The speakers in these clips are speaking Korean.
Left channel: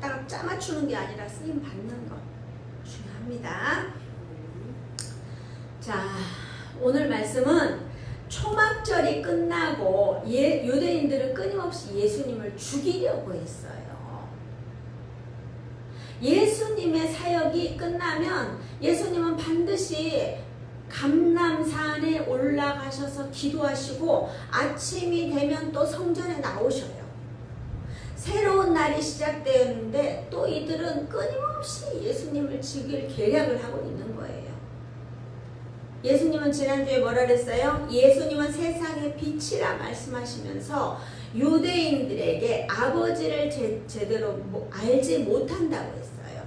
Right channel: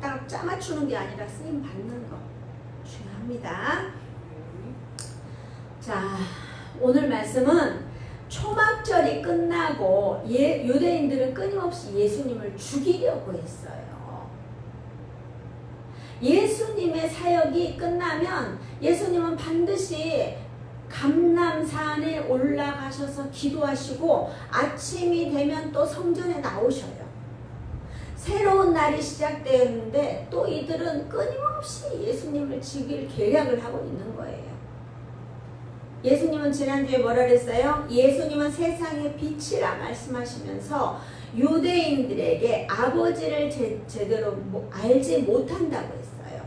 갖다가 짜맞추는 게 아니라 쓰임 받는 거 중요합니다. 자, 오늘 말씀은 초막절이 끝나고 유대인들은 끊임없이 예수님을 죽이려고 했어요. 예수님의 사역이 끝나면 예수님은 반드시 감람산에 올라가셔서 기도하시고 아침이 되면 또 성전에 나오셔요. 새로운 날이 시작되었는데 또 이들은 끊임없이 예수님을 죽일 계략을 하고 있는 거예요. 예수님은 지난주에 뭐라 그랬어요? 예수님은 세상의 빛이라 말씀하시면서 유대인들에게 아버지를 제대로 알지 못한다고 했어요.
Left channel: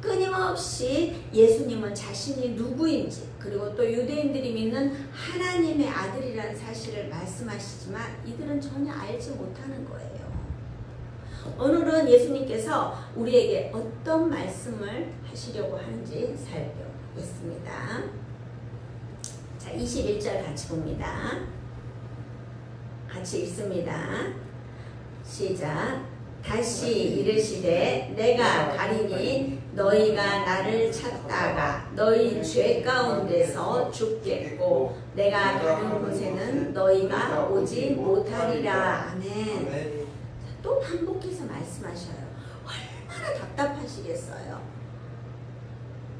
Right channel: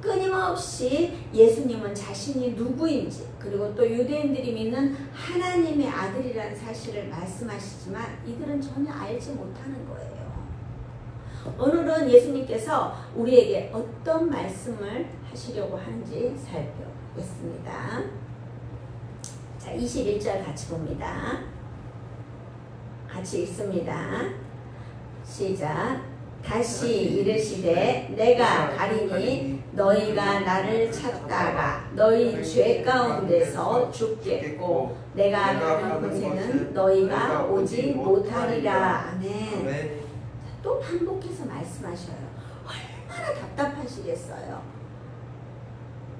끊임없이 예수님은 자신이 누구인지 그리고 또 유대인들이 믿는 하나님의 아들이라는 사실을 말씀하시지만 이들은 전혀 알지 못하는 거예요. 오늘은 예수님께서 우리에게 어떤 말씀을 하시려고 하는지 살펴보겠습니다. 자, 21절 같이 봅니다. 같이 읽습니다. 시작. 다시 이르시되 내가 가리니 너희가 나를 찾다가 너희 죄 가운데서 죽겠고 내가 가는 곳에는 너희가 오지 못하리라. 아멘. 또 반복해서 말씀하셔요. 얼마나 답답하시겠어요.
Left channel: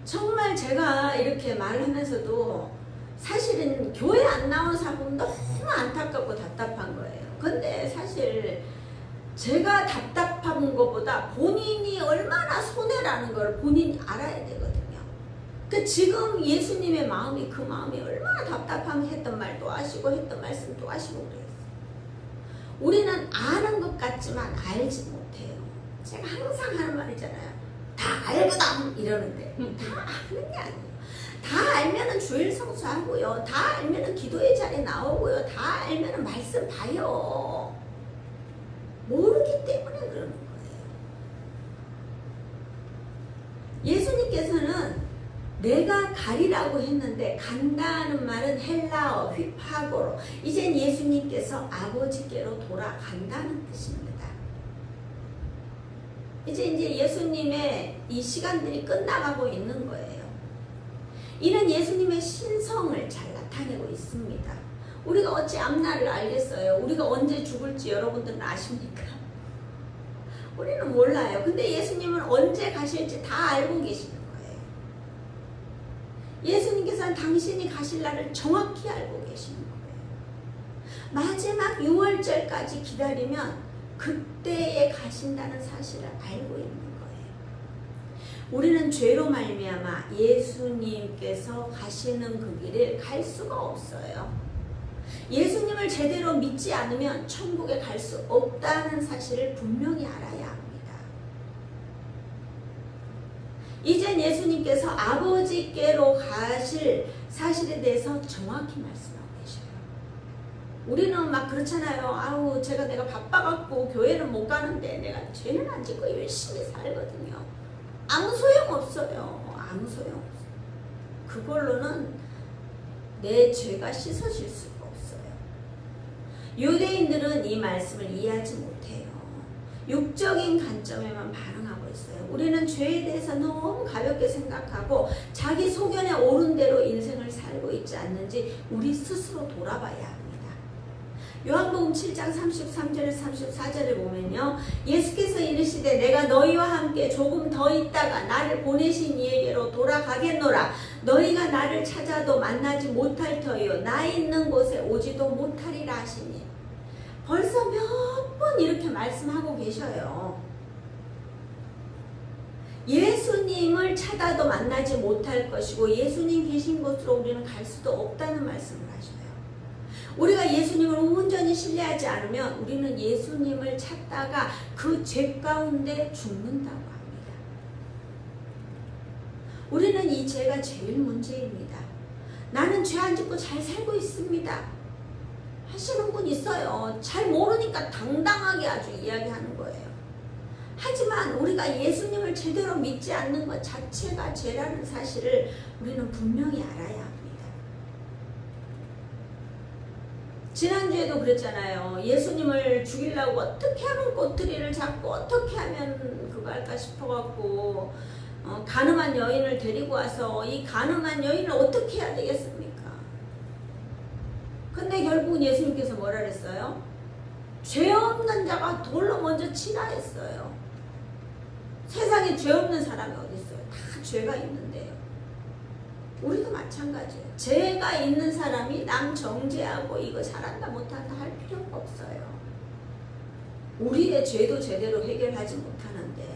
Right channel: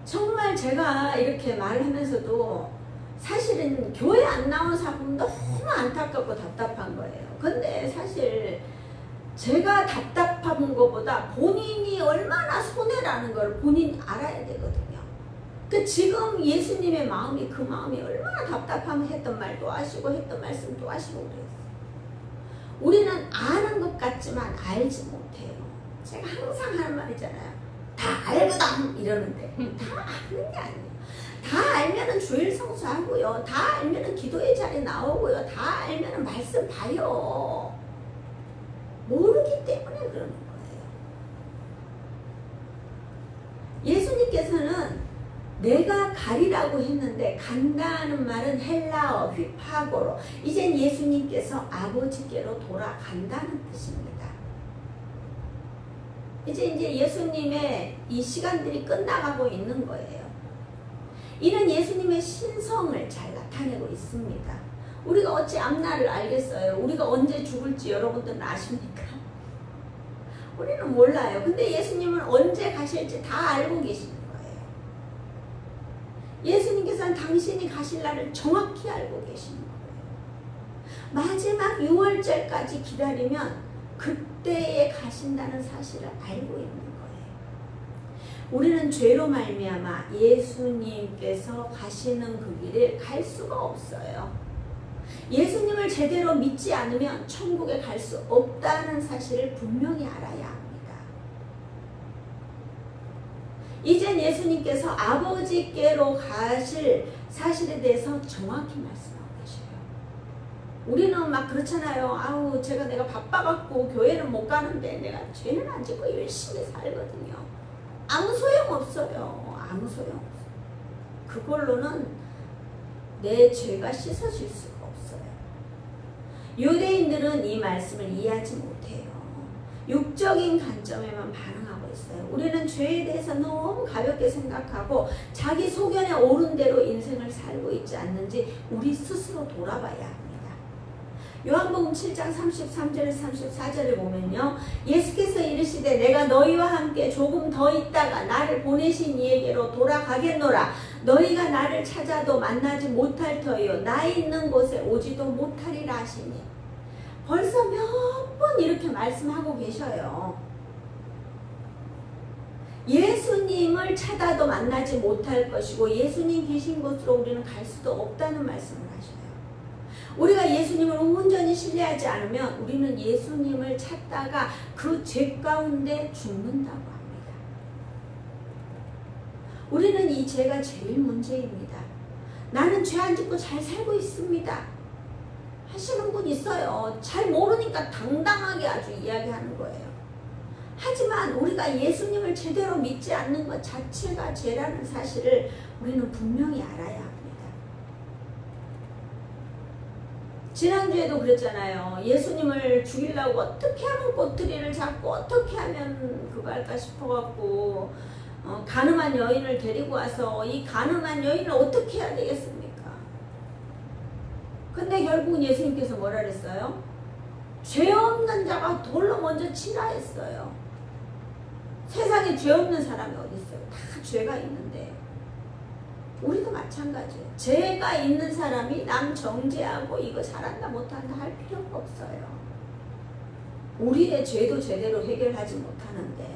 정말 제가 이렇게 말하면서도 사실은 교회 안 나온 사람은 너무 안타깝고 답답한 거예요. 근데 사실 제가 답답한 것보다 본인이 얼마나 손해라는 걸 본인이 알아야 되거든요. 그 지금 예수님의 마음이 그 마음이 얼마나 답답하면 했던 말도 하시고 했던 말씀도 하시고 그래요. 우리는 아는 것 같지만 알지 못해요. 제가 항상 하는 말이잖아요. 다 알거든 이러는데 다 아는 게 아니에요. 다 알면은 주일 성수하고요. 다 알면은 기도의 자리 나오고요. 다 알면은 말씀 봐요. 모르기 때문에 그러는 거예요. 예수님께서는 내가 가리라고 했는데 간다는 말은 헬라어 휘파고로 이젠 예수님께서 아버지께로 돌아간다는 뜻입니다. 이제 예수님의 이 시간들이 끝나가고 있는 거예요. 이는 예수님의 신성을 잘 나타내고 있습니다. 우리가 어찌 앞날을 알겠어요? 우리가 언제 죽을지 여러분들은 아십니까? 우리는 몰라요. 근데 예수님은 언제 가실지 다 알고 계시는 거예요. 예수님께서는 당신이 가실 날을 정확히 알고 계시는 거예요. 마지막 6월절까지 기다리면 그때에 가신다는 사실을 알고 있는 거예요. 우리는 죄로 말미암아 예수님께서 가시는 그 길을 갈 수가 없어요. 예수님을 제대로 믿지 않으면 천국에 갈 수 없다는 사실을 분명히 알아야 합니다. 이젠 예수님께서 아버지께로 가실 사실에 대해서 정확히 말씀하고 계셔요. 우리는 막 그렇잖아요. 아우 내가 바빠갖고 교회는 못 가는데 내가 죄는 안 짓고 열심히 살거든요. 아무 소용없어요. 아무 소용없어요. 그걸로는 내 죄가 씻어질 수가 없어요. 유대인들은 이 말씀을 이해하지 못해요. 육적인 관점에만 반응하고 있어요. 우리는 죄에 대해서 너무 가볍게 생각하고 자기 소견에 옳은 대로 인생을 살고 있지 않는지 우리 스스로 돌아봐야 합니다. 요한복음 7장 33절 34절을 보면요. 예수께서 이르시되 내가 너희와 함께 조금 더 있다가 나를 보내신 이에게로 돌아가겠노라. 너희가 나를 찾아도 만나지 못할 터이요 나 있는 곳에 오지도 못하리라 하시니 벌써 몇 번 이렇게 말씀하고 계셔요. 예수님을 찾아도 만나지 못할 것이고 예수님 계신 곳으로 우리는 갈 수도 없다는 말씀을 하셔요. 우리가 예수님을 온전히 신뢰하지 않으면 우리는 예수님을 찾다가 그 죄 가운데 죽는다고 합니다. 우리는 이 죄가 제일 문제입니다. 나는 죄 안 짓고 잘 살고 있습니다 하시는 분 있어요. 잘 모르니까 당당하게 아주 이야기하는 거예요. 하지만 우리가 예수님을 제대로 믿지 않는 것 자체가 죄라는 사실을 우리는 분명히 알아야 합니다. 지난주에도 그랬잖아요. 예수님을 죽이려고 어떻게 하면 꼬투리를 잡고 어떻게 하면 그거 할까 싶어갖고 가늠한 여인을 데리고 와서 이 가늠한 여인을 어떻게 해야 되겠습니까? 근데 결국은 예수님께서 뭐라 그랬어요? 죄 없는 자가 돌로 먼저 치라 했어요. 세상에 죄 없는 사람이 어디 있어요? 다 죄가 있는데. 우리도 마찬가지예요. 죄가 있는 사람이 남 정죄하고 이거 잘한다 못한다 할 필요가 없어요. 우리의 죄도 제대로 해결하지 못하는데.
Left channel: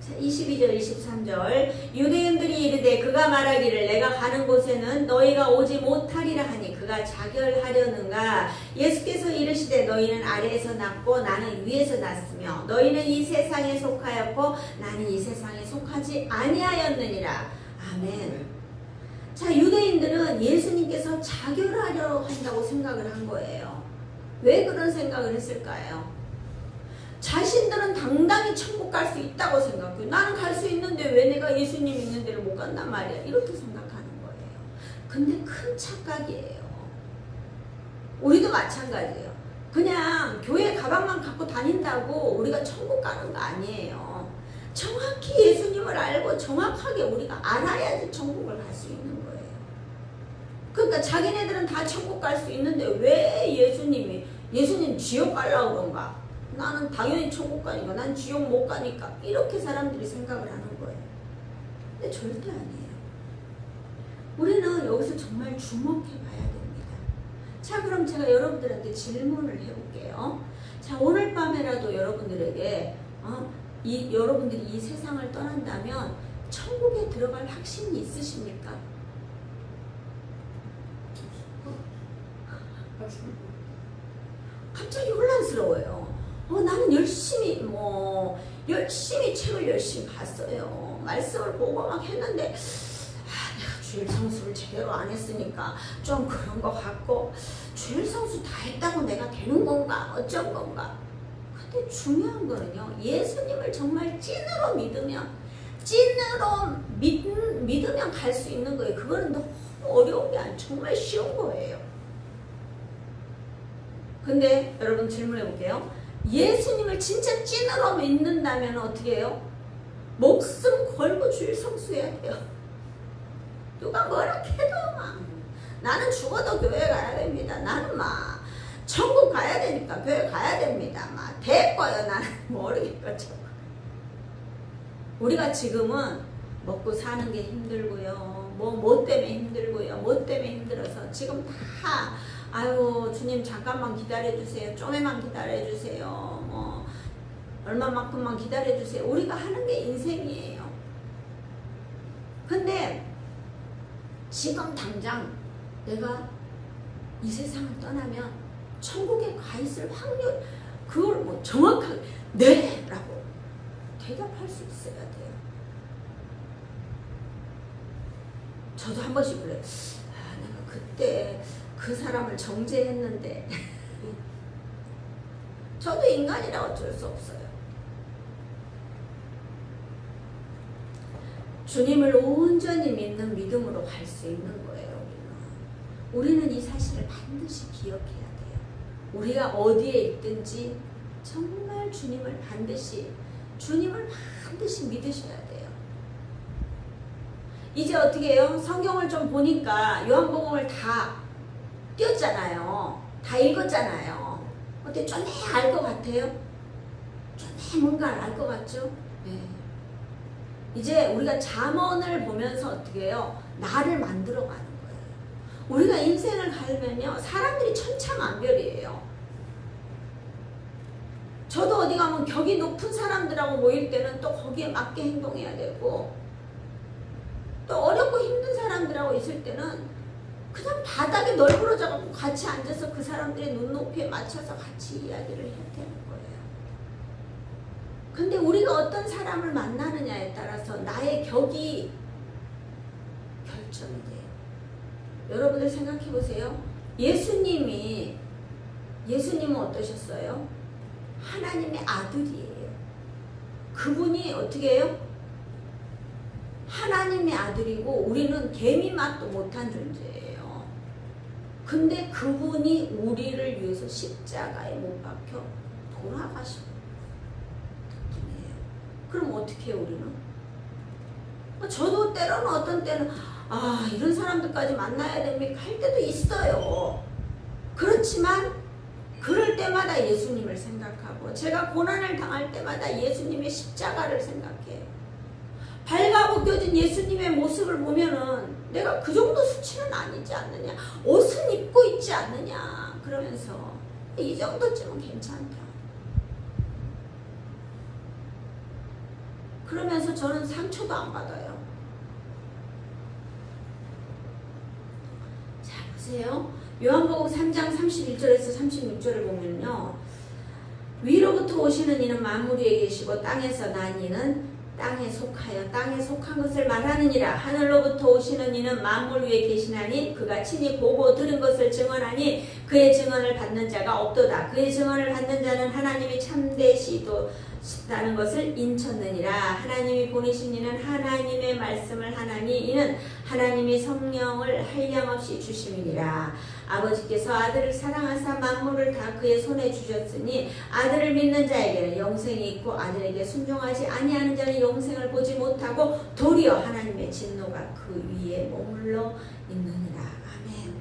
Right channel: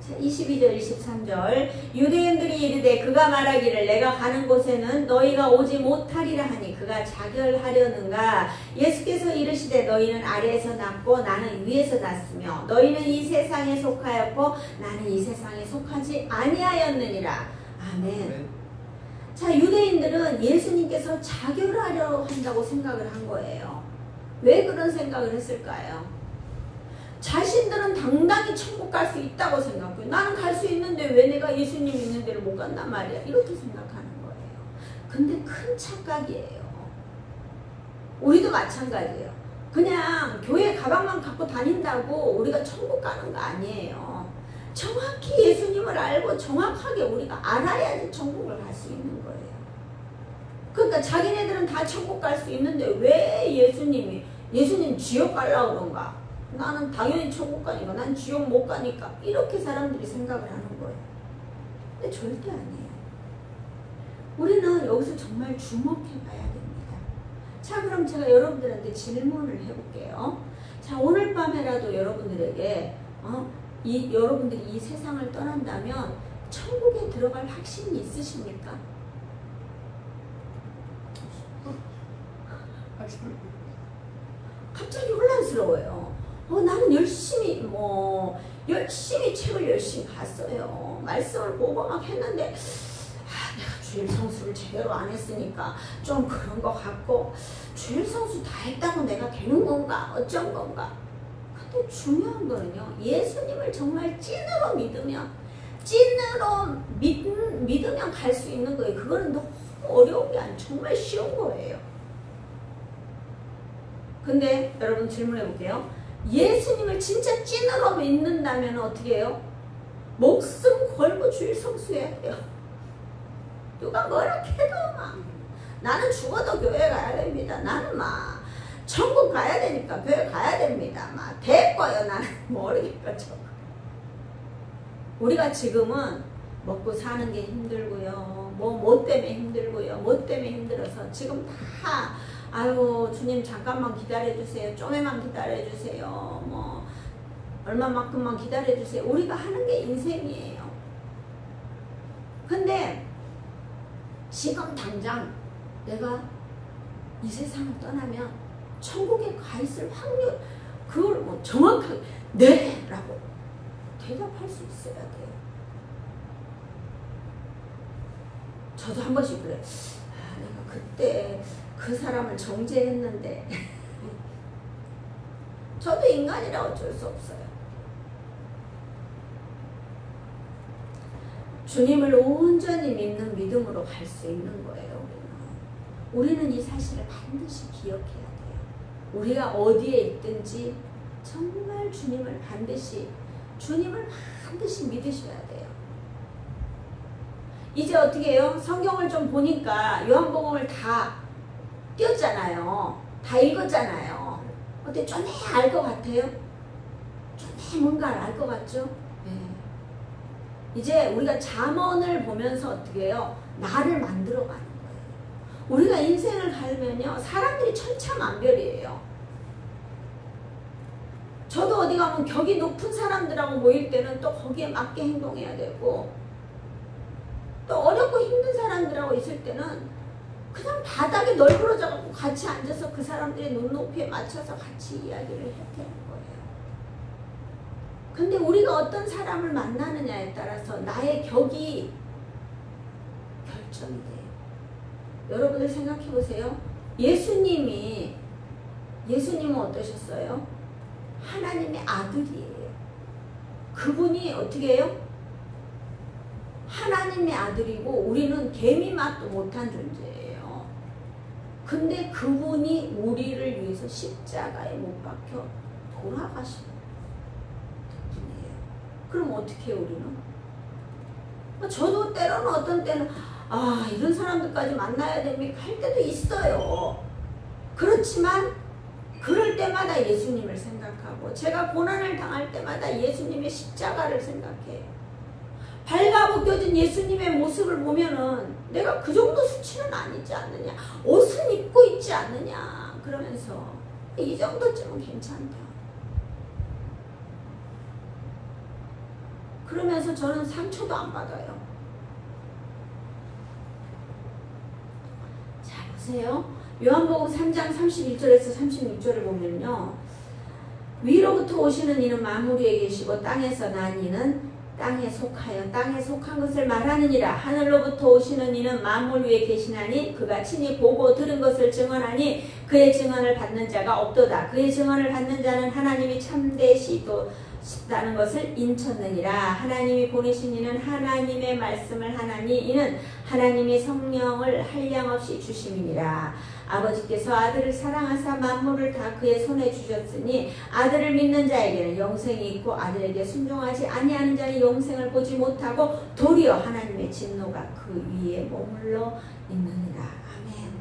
자, 22절 23절 유대인들이 이르되 그가 말하기를 내가 가는 곳에는 너희가 오지 못하리라 하니 그가 자결하려는가. 예수께서 이르시되 너희는 아래에서 났고 나는 위에서 났으며 너희는 이 세상에 속하였고 나는 이 세상에 속하지 아니하였느니라. 아멘. 자, 유대인들은 예수님께서 자결하려 한다고 생각을 한 거예요. 왜 그런 생각을 했을까요? 자신들은 당당히 천국 갈 수 있다고 생각해요. 나는 갈 수 있는데 왜 내가 예수님 있는 데를 못 간단 말이야. 이렇게 생각하는 거예요. 근데 큰 착각이에요. 우리도 마찬가지예요. 그냥 교회 가방만 갖고 다닌다고 우리가 천국 가는 거 아니에요. 정확히 예수님을 알고 정확하게 우리가 알아야지 천국을 갈 수 있는 거예요. 그러니까 자기네들은 다 천국 갈 수 있는데 왜 예수님 지옥 가려고 그런가? 나는 당연히 천국 가니까 난 지옥 못 가니까 이렇게 사람들이 생각을 하는 거예요. 근데 절대 아니에요. 우리는 여기서 정말 주목해 봐야 됩니다. 자, 그럼 제가 여러분들한테 질문을 해볼게요. 자, 오늘 밤에라도 여러분들에게 여러분들이 이 세상을 떠난다면 천국에 들어갈 확신이 있으십니까? 갑자기 혼란스러워요. 나는 열심히 책을 열심히 봤어요. 말씀을 보고 막 했는데 내가 주일 성수를 제대로 안 했으니까 좀 그런 것 같고 주일 성수 다 했다고 내가 되는 건가 어쩐 건가. 근데 중요한 거는요, 예수님을 정말 찐으로 믿으면 갈 수 있는 거예요. 그거는 너무 어려운 게 아니고 정말 쉬운 거예요. 근데 여러분 질문해 볼게요. 예수님을 진짜 찐으로 믿는다면 어떻게 해요? 목숨 걸고 주일 성수해야 돼요. 누가 뭐라 해도 막 나는 죽어도 교회 가야 됩니다. 나는 막 천국 가야 되니까 교회 가야 됩니다. 막 됐고요. 나는 모르겠죠. 우리가 지금은 먹고 사는 게 힘들고요. 뭐 때문에 힘들고요. 뭐 때문에 힘들어서 지금 다 아유 주님 잠깐만 기다려주세요. 좀에만 기다려주세요. 얼마만큼만 기다려주세요. 우리가 하는 게 인생이에요. 근데 지금 당장 내가 이 세상을 떠나면 천국에 가 있을 확률, 그걸 정확하게 네! 라고 대답할 수 있어야 돼요. 저도 한 번씩 그래. 내가 그때 그 사람을 정죄했는데 저도 인간이라 어쩔 수 없어요. 주님을 온전히 믿는 믿음으로 갈 수 있는 거예요. 우리는 이 사실을 반드시 기억해야 돼요. 우리가 어디에 있든지 정말 주님을 반드시 믿으셔야 돼요. 이제 어떻게 해요? 성경을 좀 보니까 요한복음을 다 띄었잖아요. 다 읽었잖아요. 어때? 좀 알 것 같아요? 좀 뭔가를 알 것 같죠? 네. 이제 우리가 잠언을 보면서 어떻게 해요? 나를 만들어가는 거예요. 우리가 인생을 살면요, 사람들이 천차만별이에요. 저도 어디 가면 격이 높은 사람들하고 모일 때는 또 거기에 맞게 행동해야 되고, 또 어렵고 힘든 사람들하고 있을 때는 그냥 바닥에 널브러져 갖고 같이 앉아서 그 사람들의 눈높이에 맞춰서 같이 이야기를 해야 되는 거예요. 근데 우리가 어떤 사람을 만나느냐에 따라서 나의 격이 결정돼요. 여러분들 생각해 보세요. 예수님은 어떠셨어요? 하나님의 아들이에요. 그분이 어떻게 해요? 하나님의 아들이고 우리는 개미 맛도 못한 존재예요. 근데 그분이 우리를 위해서 십자가에 못 박혀 돌아가신 분이에요. 그럼 어떻게 해요, 우리는? 저도 때로는 어떤 때는 이런 사람들까지 만나야 됩니까? 할 때도 있어요. 그렇지만 그럴 때마다 예수님을 생각하고 제가 고난을 당할 때마다 예수님의 십자가를 생각해요. 발가벗겨진 예수님의 모습을 보면은 내가 그 정도 수치는 아니지 않느냐, 옷은 입고 있지 않느냐 그러면서 이 정도쯤은 괜찮다. 그러면서 저는 상처도 안 받아요. 자, 보세요. 요한복음 3장 31절에서 36절을 보면요, 위로부터 오시는 이는 만물 위에 계시고 땅에서 난 이는 땅에 속하여 땅에 속한 것을 말하느니라. 하늘로부터 오시는 이는 만물 위에 계시나니 그가 친히 보고 들은 것을 증언하니 그의 증언을 받는 자가 없도다. 그의 증언을 받는 자는 하나님이 참되시다는 것을 인쳤느니라. 하나님이 보내신 이는 하나님의 말씀을 하나니 이는 하나님이 성령을 한량없이 주심이니라. 아버지께서 아들을 사랑하사 만물을 다 그의 손에 주셨으니 아들을 믿는 자에게는 영생이 있고 아들에게 순종하지 아니하는 자는 영생을 보지 못하고 도리어 하나님의 진노가 그 위에 머물러 있느니라. 아멘.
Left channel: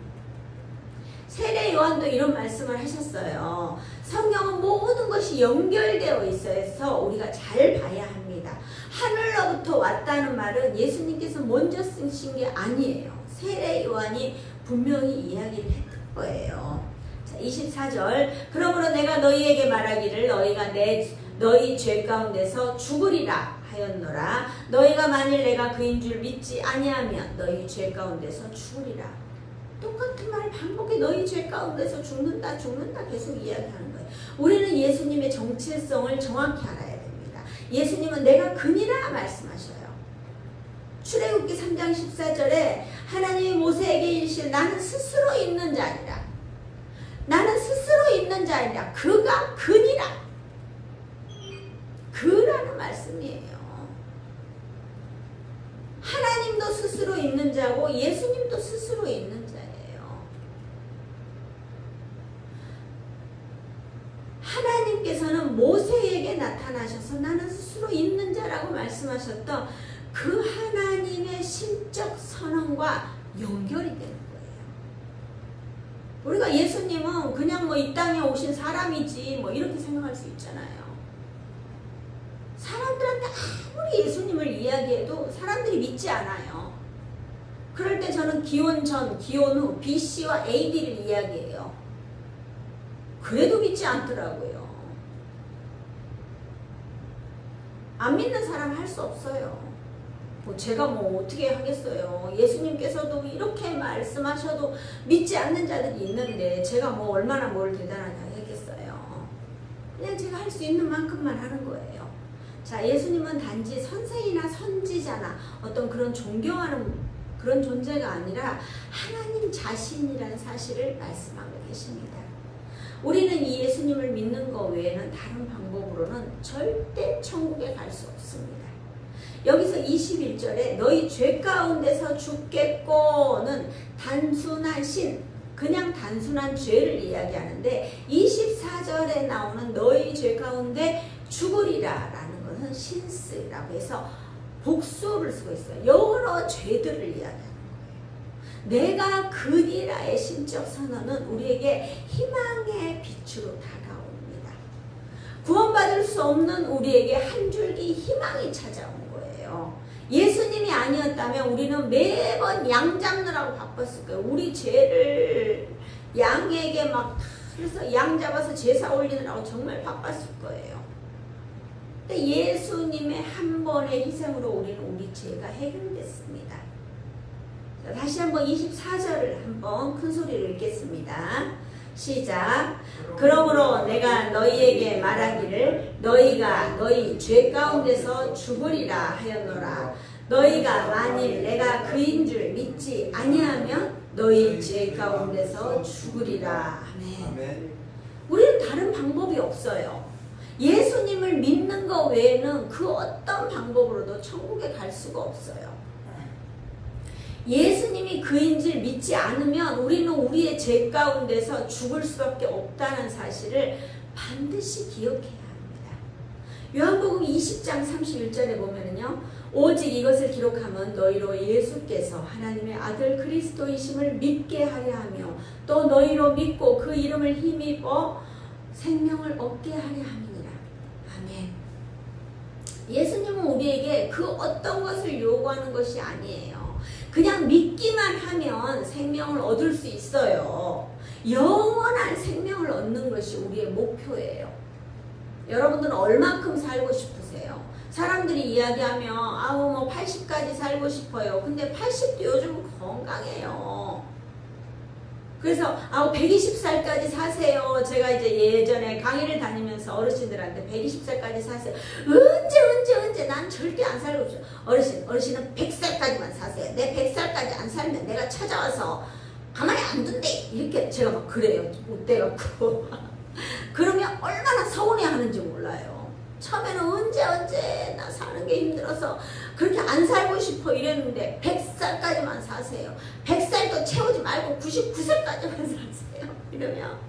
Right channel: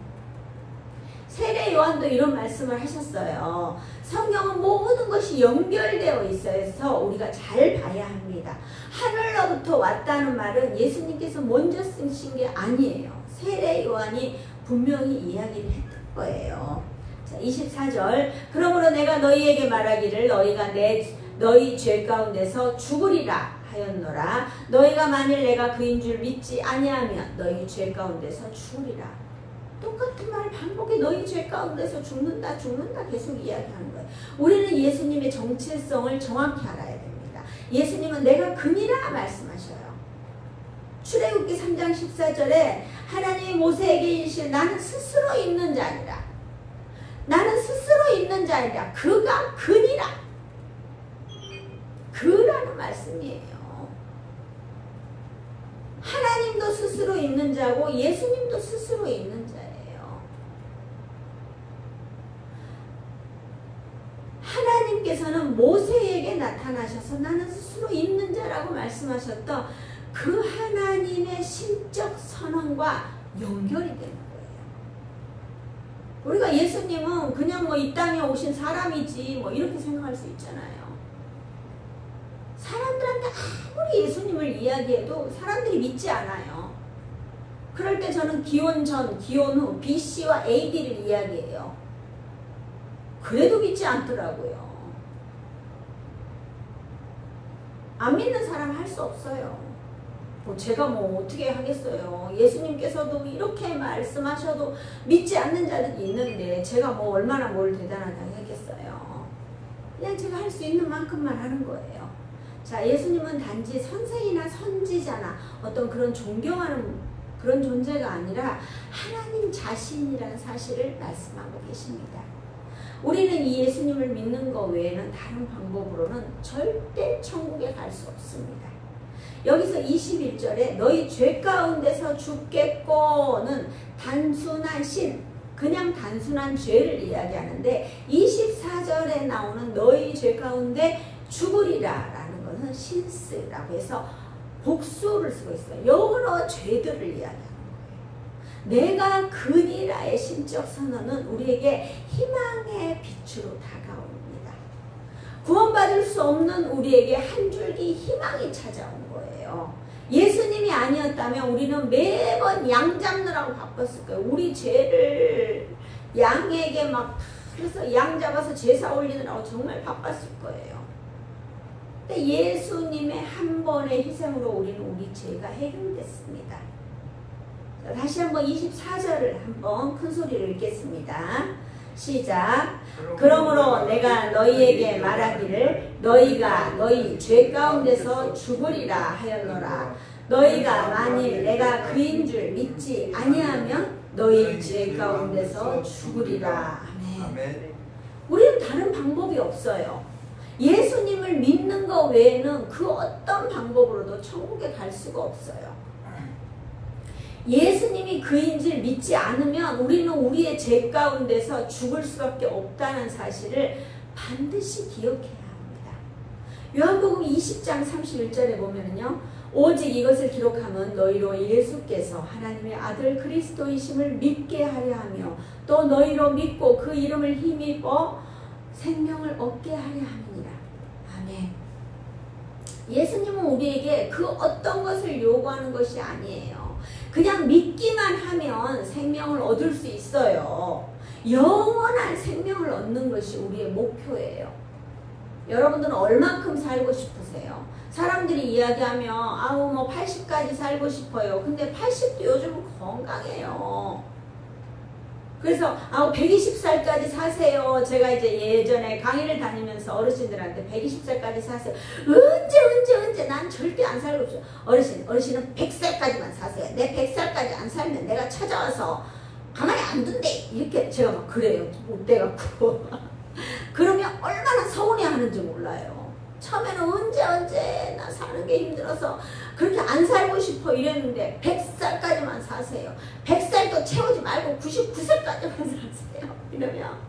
세례 요한도 이런 말씀을 하셨어요. 성경은 모든 것이 연결되어 있어서 우리가 잘 봐야 합니다. 하늘로부터 왔다는 말은 예수님께서 먼저 쓰신 게 아니에요. 세례 요한이 분명히 이야기를 했던 거예요. 자, 24절. 그러므로 내가 너희에게 말하기를 너희가 너희 죄 가운데서 죽으리라 하였노라. 너희가 만일 내가 그인 줄 믿지 아니하면 너희 죄 가운데서 죽으리라. 똑같은 말 반복해. 너희 죄 가운데서 죽는다 계속 이야기하는 거예요. 우리는 예수님의 정체성을 정확히 알아야 됩니다. 예수님은 내가 금이라 말씀하셔요. 출애굽기 3장 14절에 하나님이 모세에게 이르시되 나는 스스로 있는 자니라. 나는 스스로 있는 자니라. 그가 근이라. 그라는 말씀이에요. 하나님도 스스로 있는 자고 예수님도 스스로 있는 자예요. 하나님께서는 모세에게 나타나셔서 나는 스스로 있는 자라고 말씀하셨던 그 하나님의 신적 선언과 연결이 되는 거예요. 우리가 예수님은 그냥 이 땅에 오신 사람이지 이렇게 생각할 수 있잖아요. 사람들한테 아무리 예수님을 이야기해도 사람들이 믿지 않아요. 그럴 때 저는 기원 전, 기원 후, BC와 AD를 이야기해요. 그래도 믿지 않더라고요. 안 믿는 사람 할 수 없어요. 제가 어떻게 하겠어요. 예수님께서도 이렇게 말씀하셔도 믿지 않는 자들이 있는데 제가 얼마나 뭘 대단하다고 하겠어요. 그냥 제가 할 수 있는 만큼만 하는 거예요. 자, 예수님은 단지 선생이나 선지자나 어떤 그런 존경하는 그런 존재가 아니라 하나님 자신이라는 사실을 말씀하고 계십니다. 우리는 이 예수님을 믿는 것 외에는 다른 방법으로는 절대 천국에 갈 수 없습니다. 여기서 21절에 너희 죄 가운데서 죽겠고는 단순한 그냥 단순한 죄를 이야기하는데 24절에 나오는 너희 죄 가운데 죽으리라 라는 것은 신스라고 해서 복수를 쓰고 있어요. 여러 죄들을 이야기하는 거예요. 내가 근이라의 신적 선언은 우리에게 희망의 빛으로 다가옵니다. 구원받을 수 없는 우리에게 한 줄기 희망이 찾아온 거예요. 예수님이 아니었다면 우리는 매번 양 잡느라고 바빴을 거예요. 우리 죄를 양에게 그래서 양 잡아서 제사 올리느라고 정말 바빴을 거예요. 근데 예수님의 한 번의 희생으로 우리는 우리 죄가 해결됐습니다. 자, 다시 한번 24절을 한번 큰 소리로 읽겠습니다. 시작. 그러므로 내가 너희에게 말하기를 너희가 너희 죄 가운데서 죽으리라 하였노라. 너희가 만일 내가 그인 줄 믿지 아니하면 너희 죄 가운데서 죽으리라. 아멘. 우리는 다른 방법이 없어요. 예수님을 믿는 것 외에는 그 어떤 방법으로도 천국에 갈 수가 없어요. 예수님이 그인줄 믿지 않으면 우리는 우리의 죄 가운데서 죽을 수밖에 없다는 사실을 반드시 기억해야 합니다. 요한복음 20장 31절에 보면은요. 오직 이것을 기록하면 너희로 예수께서 하나님의 아들 그리스도이심을 믿게 하려 하며 또 너희로 믿고 그 이름을 힘입어 생명을 얻게 하려 함이니라. 아멘. 예수님은 우리에게 그 어떤 것을 요구하는 것이 아니에요. 그냥 믿기만 하면 생명을 얻을 수 있어요. 영원한 생명을 얻는 것이 우리의 목표예요. 여러분들은 얼만큼 살고 싶으세요? 사람들이 이야기하면 아우 뭐 80까지 살고 싶어요. 근데 80도 요즘 건강해요. 그래서 아우 120살까지 사세요. 제가 이제 예전에 강의를 다니면서 어르신들한테 120살까지 사세요. 언제 난 절대 안 살고 싶어. 어르신은 100살까지만 사세요. 내 100살까지 안 살면 내가 찾아와서 가만히 안 둔대. 이렇게 제가 막 그래요. 못 돼갖고. 그러면 얼마나 서운해하는지 몰라요. 처음에는 언제 나 사는 게 힘들어서 그렇게 안 살고 싶어 이랬는데 100살까지만 사세요. 100살도 채우지 말고 99살까지만 사세요. 이러면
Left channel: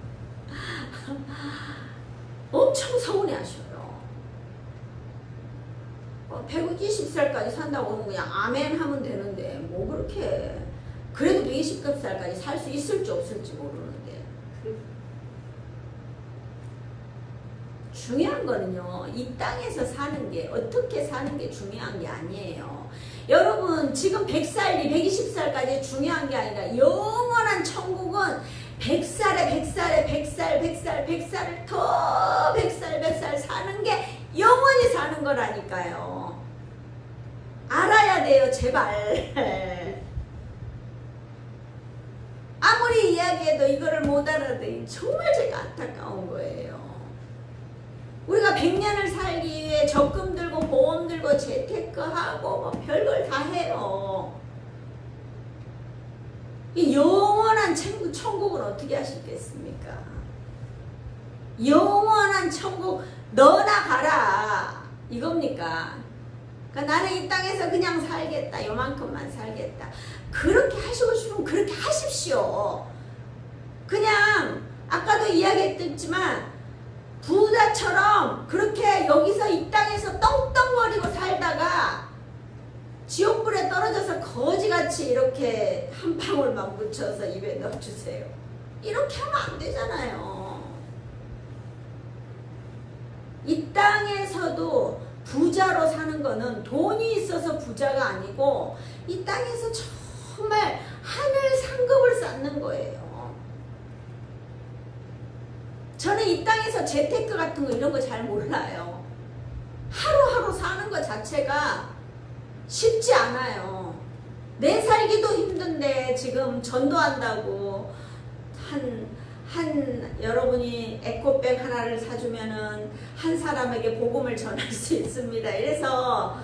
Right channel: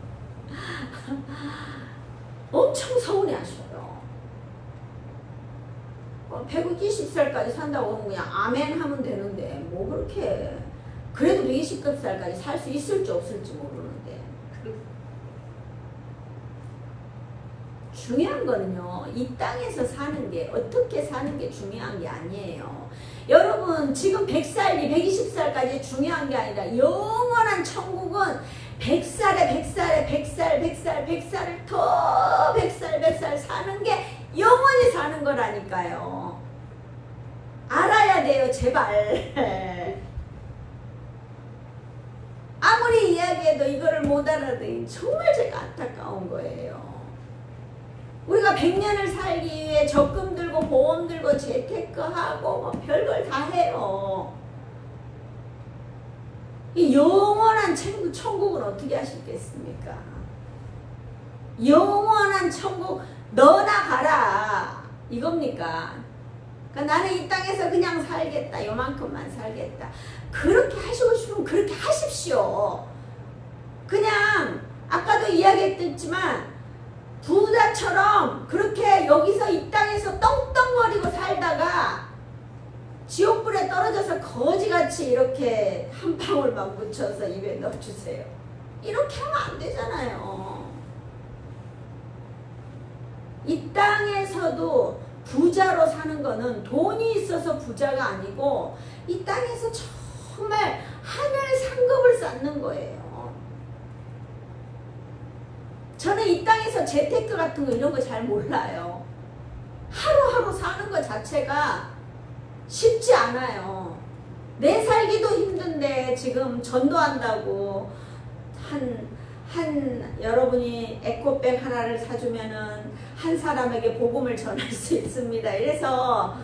엄청 서운해 하셔요. 120살까지 산다고 하면 그냥 아멘 하면 되는데 뭐 그렇게 그래도 120살까지 살 수 있을지 없을지 모르는데 중요한 거는요. 이 땅에서 사는 게 어떻게 사는 게 중요한 게 아니에요. 여러분 지금 100살, 120살까지 중요한 게 아니라 영원한 천국은 100살을 더 100살 사는 게 영원히 사는 거라니까요. 알아야 돼요. 제발. 아무리 이야기해도 이거를 못 알아듣니 정말 제가 안타까운 거예요. 우리가 100년을 살기 위해 적금 들고 보험 들고 재테크하고 뭐 별걸 다 해요. 이 영원한 천국을 어떻게 하시겠습니까? 영원한 천국 너나 가라 이겁니까? 그러니까 나는 이 땅에서 그냥 살겠다. 요만큼만 살겠다. 그렇게 하시고 싶으면 그렇게 하십시오. 그냥 아까도 이야기했지만 부자처럼 그렇게 여기서 이 땅에서 떵떵거리고 살다가 지옥불에 떨어져서 거지같이 이렇게 한 방울만 묻혀서 입에 넣어주세요. 이렇게 하면 안 되잖아요. 이 땅에서도 부자로 사는 거는 돈이 있어서 부자가 아니고 이 땅에서 정말 하늘 상급을 쌓는 거예요. 저는 이 땅에서 재테크 같은 거 이런 거 잘 몰라요. 하루하루 사는 것 자체가 쉽지 않아요. 내 살기도 힘든데 지금 전도한다고 여러분이 에코백 하나를 사주면은 한 사람에게 복음을 전할 수 있습니다. 이래서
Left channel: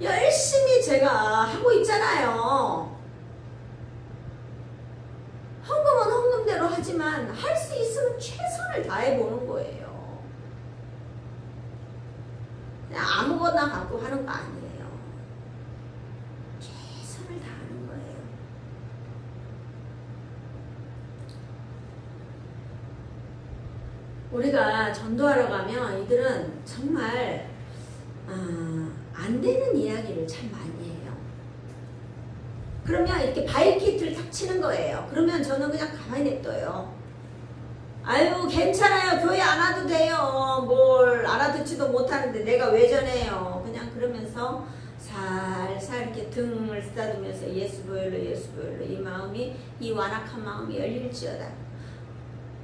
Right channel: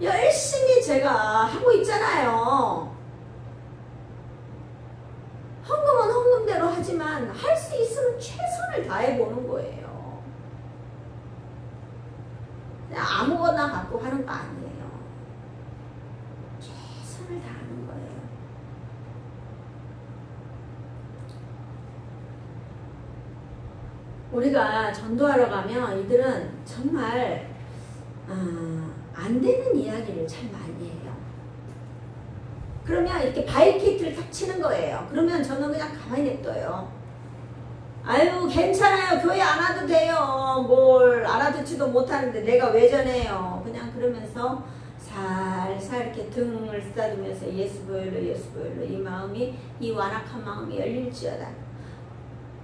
열심히 제가 하고 있잖아요. 헌금은 헌금대로 하지만 할 수 있으면 최선을 다해보는 거예요. 그냥 아무거나 갖고 하는 거 아니에요. 최선을 다하는 거예요. 우리가 전도하러 가면 이들은 정말 안 되는 이야기를 참 많이 해요. 그러면 이렇게 바이키트를 탁 치는 거예요. 그러면 저는 그냥 가만히 냅둬요. 아유 괜찮아요. 교회 안 와도 돼요. 뭘 알아듣지도 못하는데 내가 왜 전해요. 그냥 그러면서 살살 이렇게 등을 쓰다듬으면서 예수 보혈로 이 마음이 이 완악한 마음이 열릴지어다.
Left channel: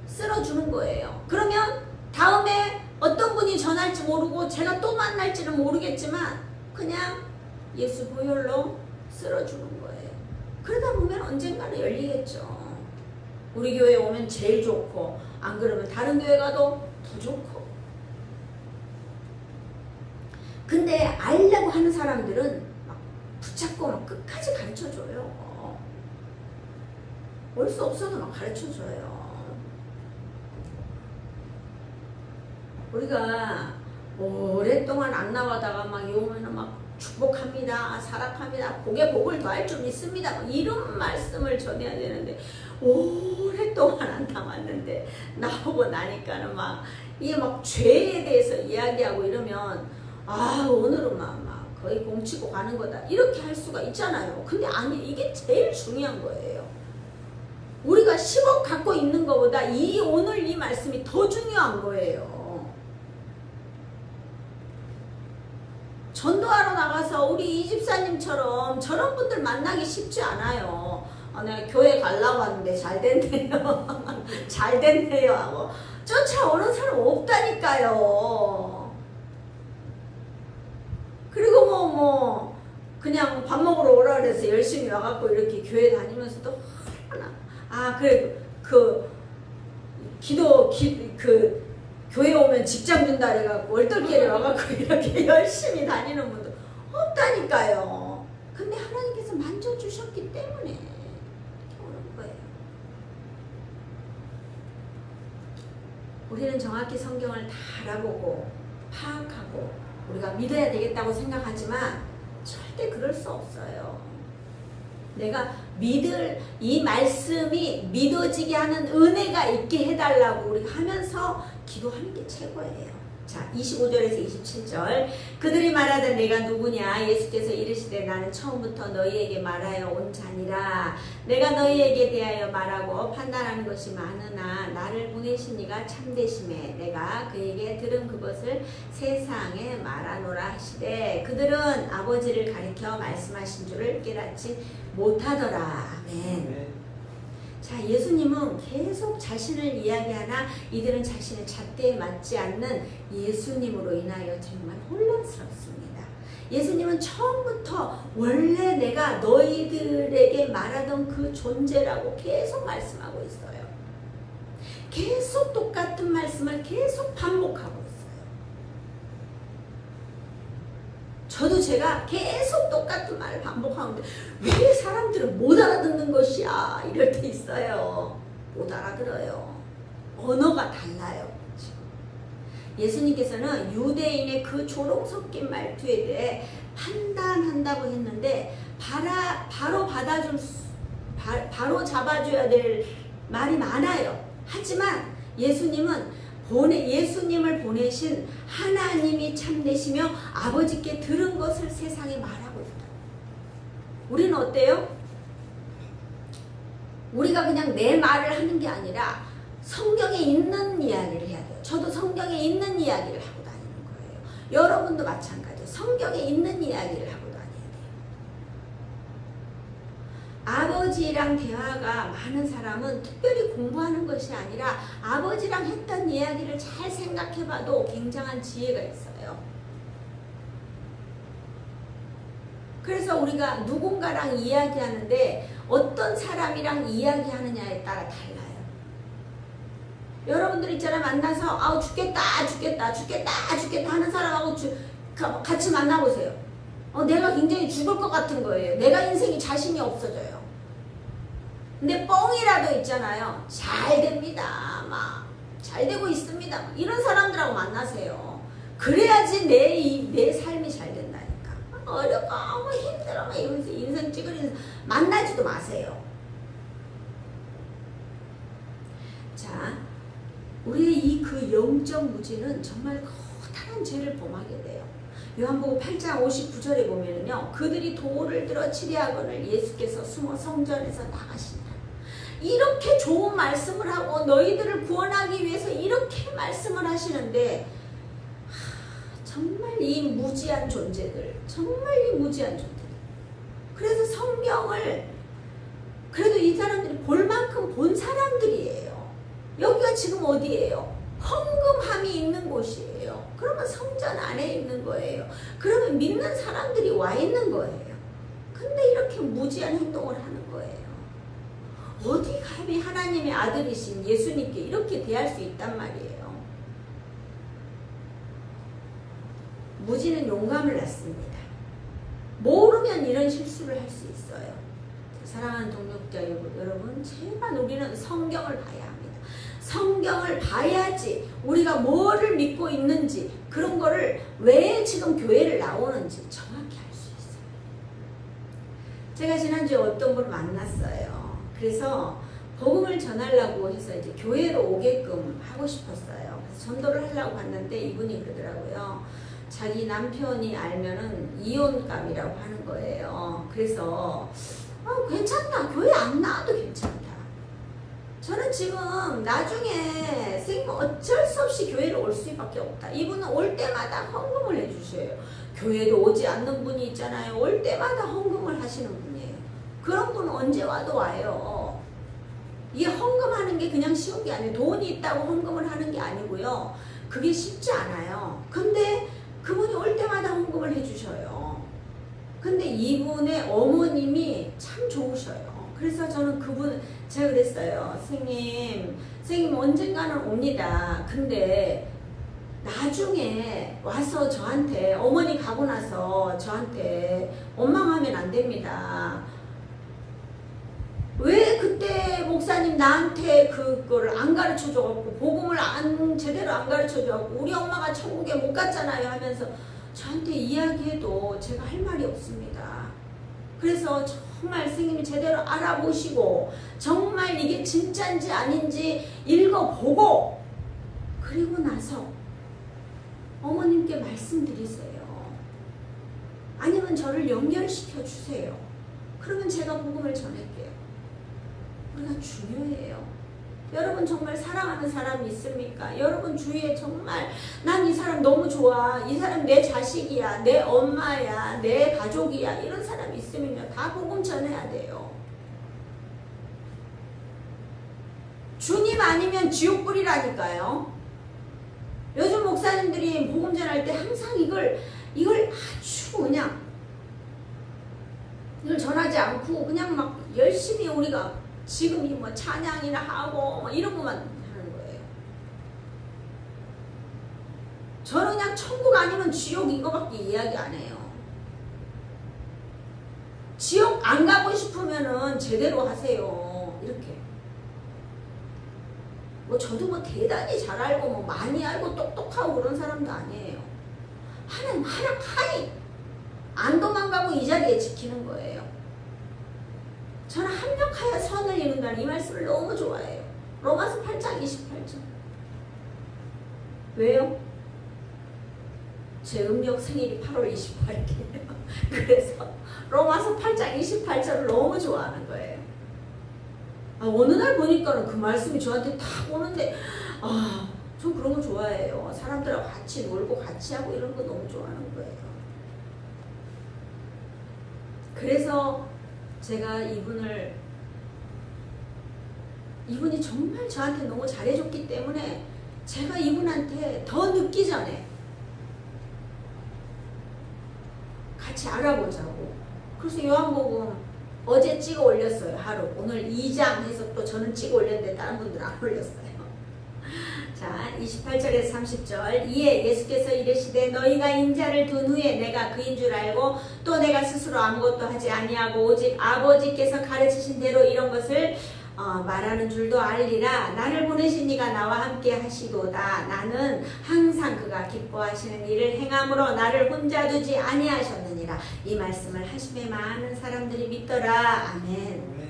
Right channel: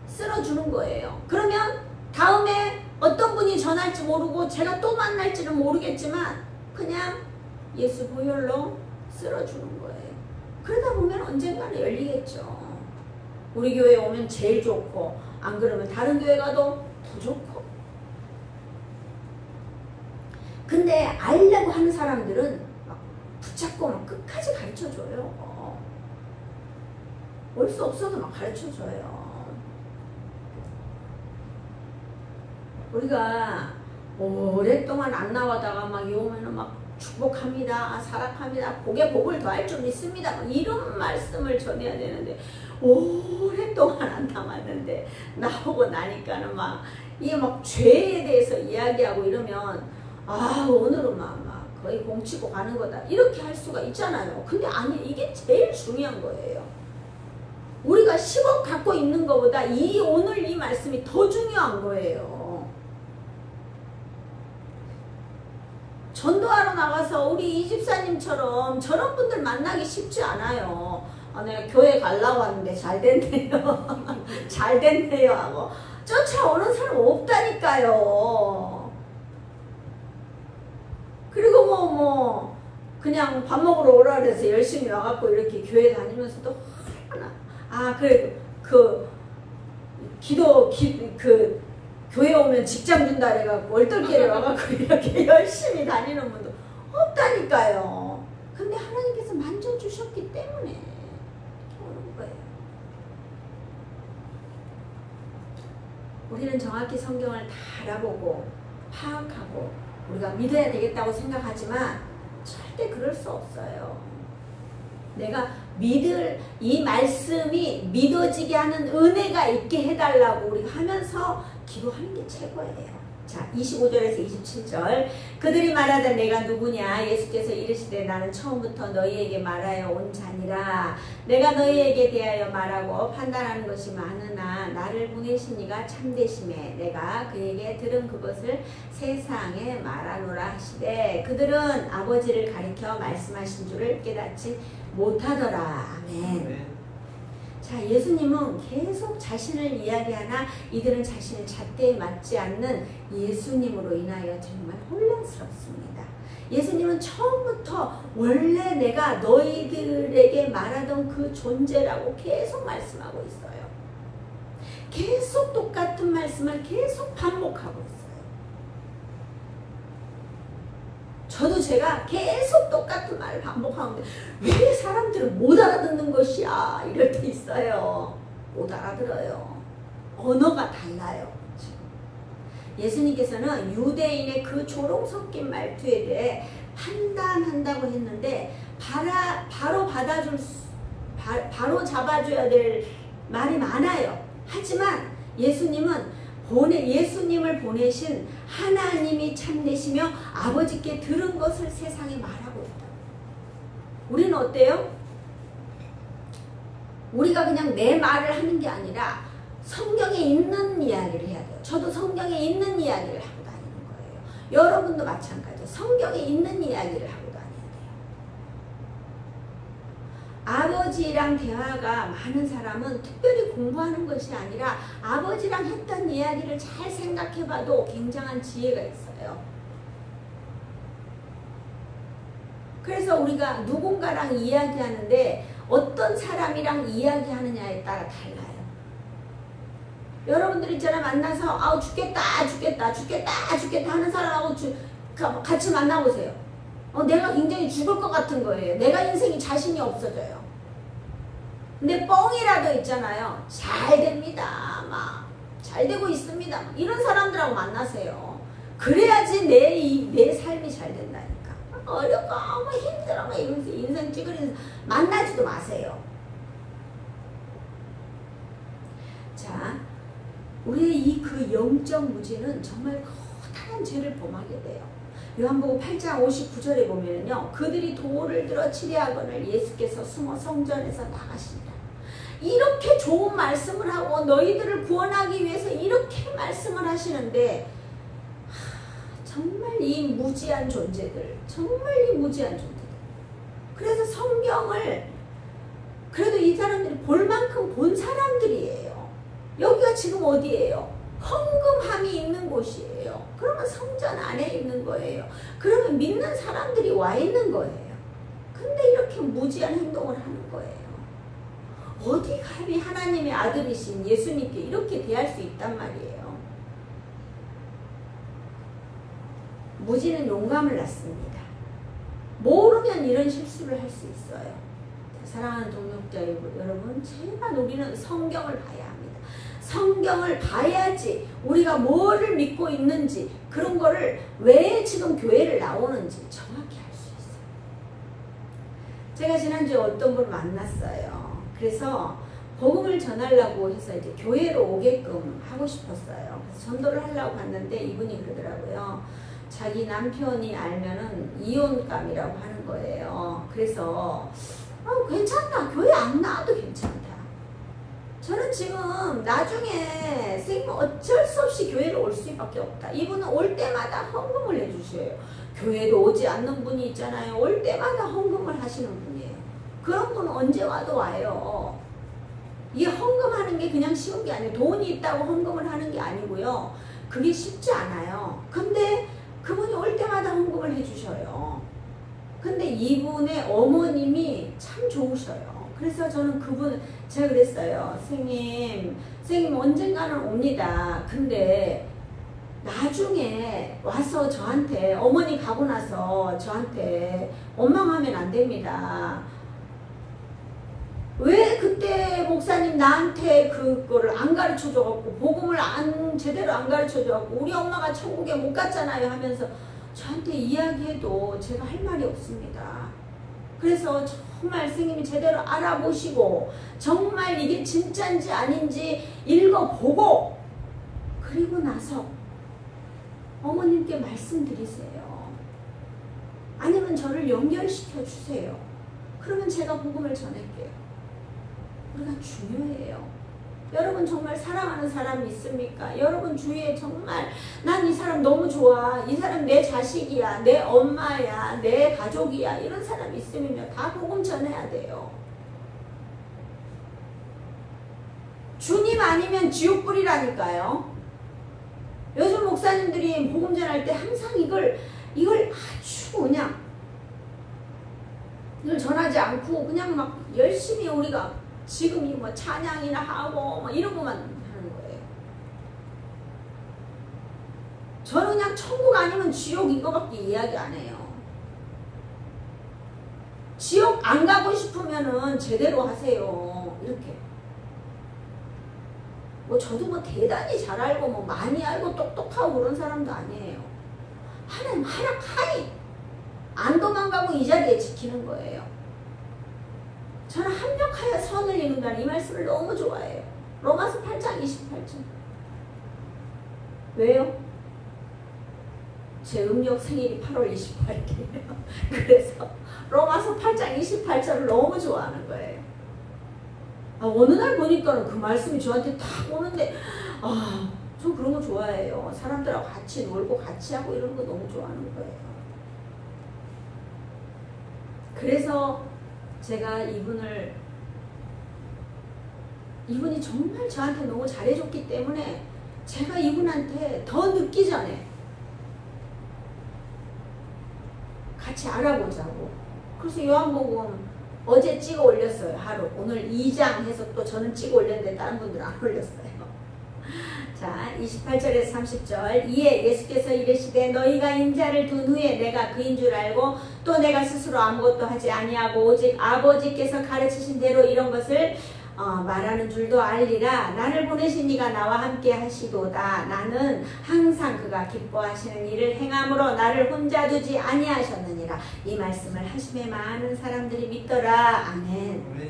쓸어주는 거예요. 그러면 다음에 어떤 분이 전할지 모르고 제가 또 만날지는 모르겠지만 그냥 예수 보혈로 쓸어주는 거예요. 그러다 보면 언젠가는 열리겠죠. 우리 교회에 오면 제일 좋고 안 그러면 다른 교회 가도 더 좋고. 근데 알려고 하는 사람들은 막 붙잡고 막 끝까지 가르쳐줘요. 올 수 없어도 막 가르쳐줘요. 우리가 오랫동안 안 나가다가 막 오면은 막 축복합니다. 사랑합니다. 복에 복을 더할 줄 믿습니다. 뭐 이런 말씀을 전해야 되는데 오랫동안 안 남았는데 나오고 나니까는 막 이게 막 죄에 대해서 이야기하고 이러면 아 오늘은 막 거의 공치고 가는 거다 이렇게 할 수가 있잖아요. 근데 아니 이게 제일 중요한 거예요. 우리가 10억 갖고 있는 것보다 오늘 이 말씀이 더 중요한 거예요. 전도하러 나가서 우리 이 집사님처럼 저런 분들 만나기 쉽지 않아요. 내가 교회 가려고 하는데 잘 됐네요. 잘 됐네요 하고 쫓아오는 사람 없다니까요. 그리고 뭐 그냥 밥 먹으러 오라 그래서 열심히 와갖고 이렇게 교회 다니면서 또 하나 그래 교회 오면 직장 준다 그래갖고 얼떨결에 와갖고 이렇게 열심히 다니는 분도 없다니까요. 근데 하나님께서 만져주셨기 때문에 이렇게 오는 거예요. 우리는 정확히 성경을 다 알아보고 파악하고 우리가 믿어야 되겠다고 생각하지만 절대 그럴 수 없어요. 내가 믿을 이 말씀이 믿어지게 하는 은혜가 있게 해달라고 우리가 하면서 기도하는 게 최고예요. 자, 25절에서 27절. 그들이 말하되 내가 누구냐? 예수께서 이르시되 나는 처음부터 너희에게 말하여 온 자니라. 내가 너희에게 대하여 말하고 판단하는 것이 많으나 나를 보내신 이가 참되심에 내가 그에게 들은 그것을 세상에 말하노라 하시되 그들은 아버지를 가리켜 말씀하신 줄을 깨닫지 못하더라. 아멘. 자, 예수님은 계속 자신을 이야기하나 이들은 자신의 잣대에 맞지 않는 예수님으로 인하여 정말 혼란스럽습니다. 예수님은 처음부터 원래 내가 너희들에게 말하던 그 존재라고 계속 말씀하고 있어요. 계속 똑같은 말씀을 계속 반복하고 있어요. 저도 제가 계속 똑같은 말을 반복하는데 왜 사람들은 못 알아듣는 것이야 이럴 때 있어요. 못 알아들어요. 언어가 달라요. 지금. 예수님께서는 유대인의 그 조롱 섞인 말투에 대해 판단한다고 했는데 바로 잡아줘야 될 말이 많아요. 하지만 예수님을 보내신 하나님이 참되시며 아버지께 들은 것을 세상에 말하고 있다. 우리는 어때요? 우리가 그냥 내 말을 하는 게 아니라 성경에 있는 이야기를 해야 돼요. 저도 성경에 있는 이야기를 하고 다니는 거예요. 여러분도 마찬가지예요. 성경에 있는 이야기를 하고 다녀야 돼요. 아버지랑 대화가 많은 사람은 특별히 공부하는 것이 아니라 아버지랑 했던 이야기를 잘 생각해봐도 굉장한 지혜가 있어요. 그래서 우리가 누군가랑 이야기하는데 어떤 사람이랑 이야기하느냐에 따라 달라요. 여러분들 있잖아요. 만나서 죽겠다 하는 사람하고 같이 만나보세요. 내가 굉장히 죽을 것 같은 거예요. 내가 인생이 자신이 없어져요. 근데 뻥이라도 있잖아요. 잘 됩니다. 잘 되고 있습니다. 이런 사람들하고 만나세요. 그래야지 내 삶이 잘 된다니까. 어렵고 힘들어 이러면서 인생 찌그리면서 만나지도 마세요. 자, 우리의 그 영적 무지는 정말 커다란 죄를 범하게 돼요. 요한복음 8장 59절에 보면은요, 그들이 돌을 들어 치려하거늘 예수께서 숨어 성전에서 나가신다. 이렇게 좋은 말씀을 하고 너희들을 구원하기 위해서 이렇게 말씀을 하시는데 정말 이 무지한 존재들, 그래서 성경을 그래도 이 사람들이 볼 만큼 본 사람들이에요. 여기가 지금 어디예요? 헌금함이 있는 곳이에요. 그러면 성전 안에 있는 거예요. 그러면 믿는 사람들이 와 있는 거예요. 근데 이렇게 무지한 행동을 하는 거예요. 어디 감히 하나님의 아들이신 예수님께 이렇게 대할 수 있단 말이에요. 무지는 용감을 낳습니다. 모르면 이런 실수를 할 수 있어요. 사랑하는 동역자 여러분, 제발 우리는 성경을 봐야 합니다. 성경을 봐야지 우리가 뭐를 믿고 있는지, 그런 거를 왜 지금 교회를 나오는지 정확히 알 수 제가 지난주에 어떤 분을 만났어요. 그래서 복음을 전하려고 해서 이제 교회로 오게끔 하고 싶었어요. 그래서 전도를 하려고 갔는데 이분이 그러더라고요. 자기 남편이 알면은 이혼감이라고 하는 거예요. 그래서 괜찮다. 교회 안 나와도 괜찮다. 저는 지금 나중에 선생님 어쩔 수 없이 교회를 올 수밖에 없다. 이분은 올 때마다 헌금을 해주셔요. 교회도 오지 않는 분이 있잖아요. 올 때마다 헌금을 하시는 분이에요. 그런 분은 언제 와도 와요. 이게 헌금하는 게 그냥 쉬운 게 아니에요. 돈이 있다고 헌금을 하는 게 아니고요. 그게 쉽지 않아요. 근데 그분이 올 때마다 헌금을 해주셔요. 근데 이분의 어머님이 참 좋으셔요. 그래서 저는 제가 그랬어요. 선생님 언젠가는 옵니다. 근데 나중에 와서 저한테, 어머니 가고 나서 저한테 원망하면 안 됩니다. 왜 그때 목사님 나한테 그거를 안 가르쳐줘갖고, 복음을 제대로 안 가르쳐줘갖고, 우리 엄마가 천국에 못 갔잖아요 하면서 저한테 이야기해도 제가 할 말이 없습니다. 그래서 정말 선생님이 제대로 알아보시고 정말 이게 진짜인지 아닌지 읽어보고 그리고 나서 어머님께 말씀드리세요. 아니면 저를 연결시켜 주세요. 그러면 제가 복음을 전할게요. 우리가 중요해요. 여러분 정말 사랑하는 사람이 있습니까? 여러분 주위에 정말 난 이 사람 너무 좋아. 이 사람 내 자식이야. 내 엄마야. 내 가족이야. 이런 사람이 있으면요. 다 복음 전해야 돼요. 주님 아니면 지옥 불이라니까요. 요즘 목사님들이 복음 전할 때 항상 이걸 아주 그냥 이걸 전하지 않고 그냥 막 열심히 우리가 지금 이 뭐 찬양이나 하고 뭐 이런 것만 하는 거예요. 저는 그냥 천국 아니면 지옥 이거밖에 이야기 안 해요. 지옥 안 가고 싶으면은 제대로 하세요. 이렇게. 뭐 저도 뭐 대단히 잘 알고 뭐 많이 알고 똑똑하고 그런 사람도 아니에요. 하나님 하락하니 안 도망가고 이 자리에 지키는 거예요. 저는 합력하여 선을 이룬다는 이 말씀을 너무 좋아해요. 로마서 8장 28절. 왜요? 제 음력 생일이 8월 28일이에요. 그래서 로마서 8장 28절을 너무 좋아하는 거예요. 어느 날 보니까는 그 말씀이 저한테 딱 오는데 저 그런 거 좋아해요. 사람들하고 같이 놀고 같이 하고 이런 거 너무 좋아하는 거예요. 그래서 제가 이분이 정말 저한테 너무 잘해줬기 때문에 제가 이분한테 더 늦기 전에 같이 알아보자고. 그래서 요한복음 어제 찍어 올렸어요. 하루. 오늘 2장 해서 또 저는 찍어 올렸는데 다른 분들은 안 올렸어요. 자, 28절에서 30절. 이에 예수께서 이르시되 너희가 인자를 둔 후에 내가 그인 줄 알고 또 내가 스스로 아무것도 하지 아니하고 오직 아버지께서 가르치신 대로 이런 것을 말하는 줄도 알리라. 나를 보내신 이가 나와 함께 하시도다. 나는 항상 그가 기뻐하시는 일을 행함으로 나를 혼자 두지 아니하셨느니라. 이 말씀을 하심에 많은 사람들이 믿더라. 아멘.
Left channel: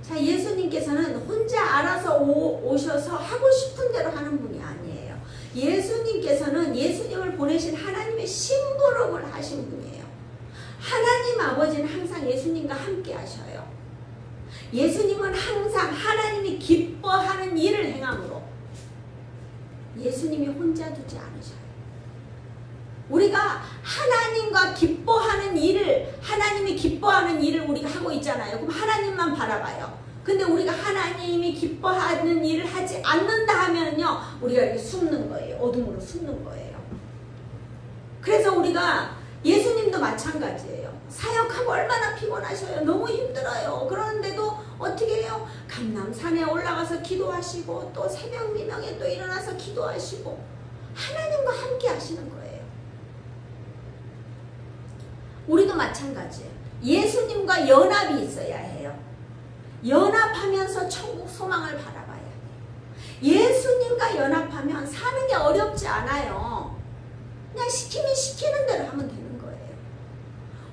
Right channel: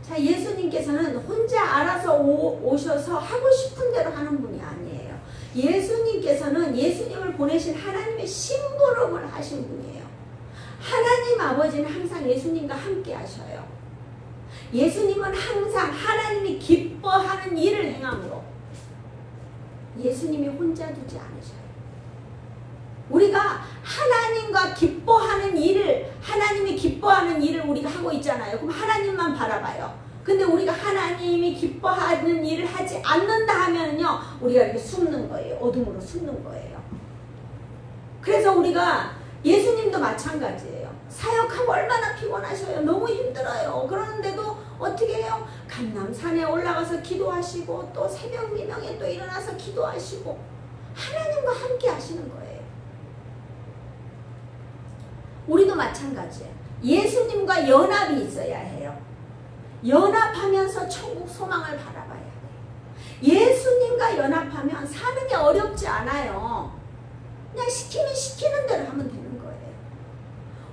자, 예수님께서는 혼자 알아서 오셔서 하고 싶은 대로 하는 분이 아니에요. 예수님께서는 예수님을 보내신 하나님의 심부름을 하신 분이에요. 하나님 아버지는 항상 예수님과 함께 하셔요. 예수님은 항상 하나님이 기뻐하는 일을 행함으로 예수님이 혼자 두지 않으셔요. 우리가 하나님과 기뻐하는 일을, 하나님이 기뻐하는 일을 우리가 하고 있잖아요. 그럼 하나님만 바라봐요. 근데 우리가 하나님이 기뻐하는 일을 하지 않는다 하면요, 우리가 이렇게 숨는 거예요. 어둠으로 숨는 거예요. 그래서 우리가 예수님도 마찬가지예요. 사역하고 얼마나 피곤하셔요. 너무 힘들어요. 그러는데도 어떻게 해요? 감람산에 올라가서 기도하시고 또 새벽 미명에 또 일어나서 기도하시고 하나님과 함께 하시는 거예요. 우리도 마찬가지예요. 예수님과 연합이 있어야 해요. 연합하면서 천국 소망을 바라봐야 돼요. 예수님과 연합하면 사는 게 어렵지 않아요. 그냥 시키면 시키는 대로 하면 되는 거예요.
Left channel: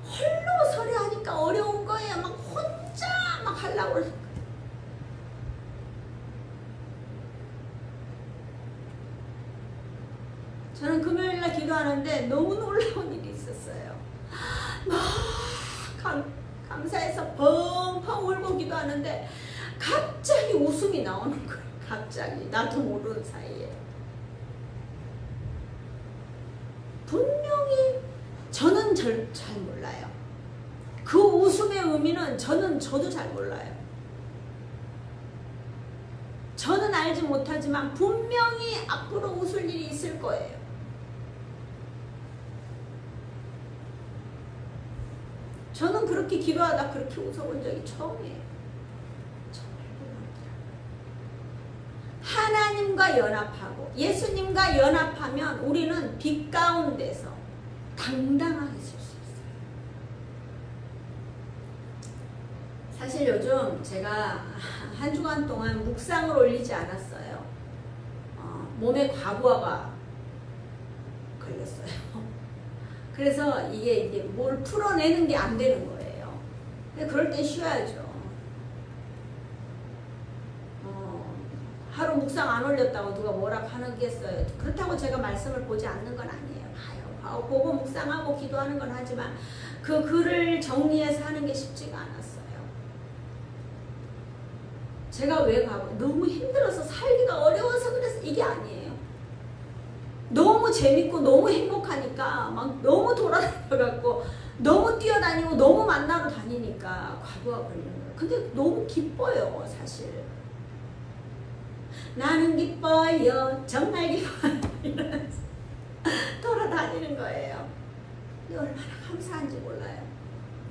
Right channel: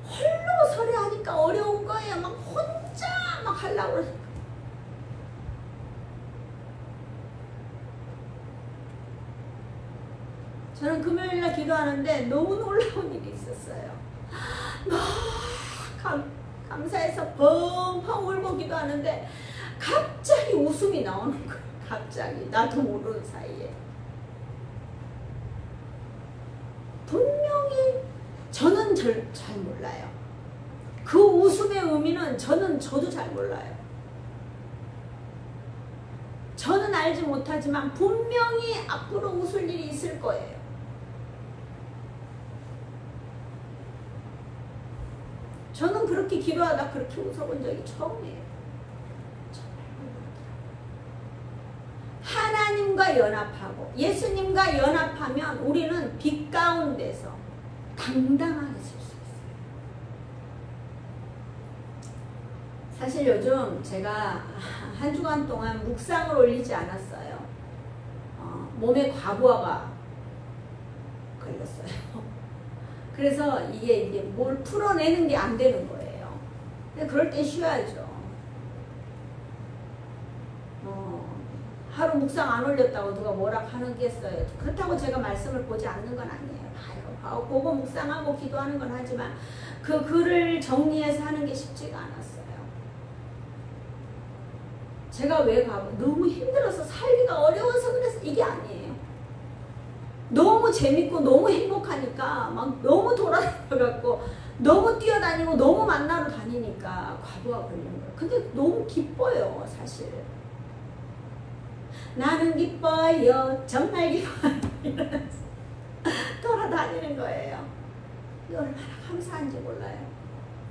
홀로 서려 하니까 어려운 거예요. 막 혼자 막 하려고 그러니까. 저는 금요일날 기도하는데 너무 놀라운 일이 있었어요. 막 감사해서 펑펑 울고 기도하는데 갑자기 웃음이 나오는 거예요. 갑자기 나도 모르는 사이에. 분명히 저는 잘 몰라요. 그 웃음의 의미는 저도 잘 몰라요. 저는 알지 못하지만 분명히 앞으로 웃을 일이 있을 거예요. 저는 그렇게 기도하다 그렇게 웃어본 적이 처음이에요. 하나님과 연합하고 예수님과 연합하면 우리는 빛 가운데서 당당하게 쓸 수 있어요. 사실 요즘 제가 한 주간 동안 묵상을 올리지 않았어요. 몸에 과부하가 걸렸어요. 그래서 이게 뭘 풀어내는 게 안 되는 거예요. 그럴 땐 쉬어야죠. 하루 묵상 안 올렸다고 누가 뭐라 하겠어요. 그렇다고 제가 말씀을 보지 않는 건 아니에요. 보고 묵상하고 기도하는 건 하지만 그 글을 정리해서 하는 게 쉽지가 않았어요. 제가 왜 너무 힘들어서 살기가 어려워서 그래서 이게 아니에요. 너무 재밌고 너무 행복하니까 막 너무 돌아다녀갖고 너무 뛰어다니고 너무 만나러 다니니까 과부하 걸리는 거예요. 근데 너무 기뻐요, 사실. 나는 기뻐요, 정말 기뻐요. 이러면서 돌아다니는 거예요. 근데 얼마나 감사한지 몰라요.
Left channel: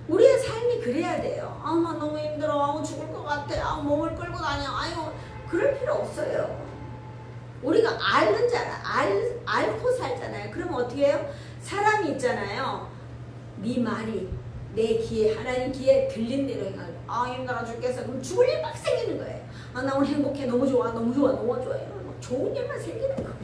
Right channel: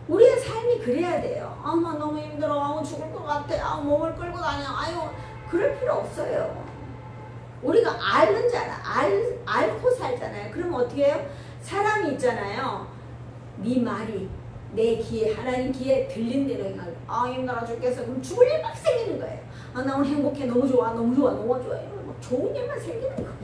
우리의 삶이 그래야 돼요. 나 너무 힘들어. 죽을 것 같아. 몸을 끌고 다녀. 그럴 필요 없어요. 우리가 앓고 살잖아요. 그러면 어떻게 해요? 사람이 있잖아요. 네 말이 내 귀에, 하나님 귀에 들린 대로 해가지고 힘들어 죽겠어. 그럼 죽을 일 막 생기는 거예요. 나 오늘 행복해. 너무 좋아. 너무 좋아. 너무 좋아. 이러면 막 좋은 일만 생기는 거예요.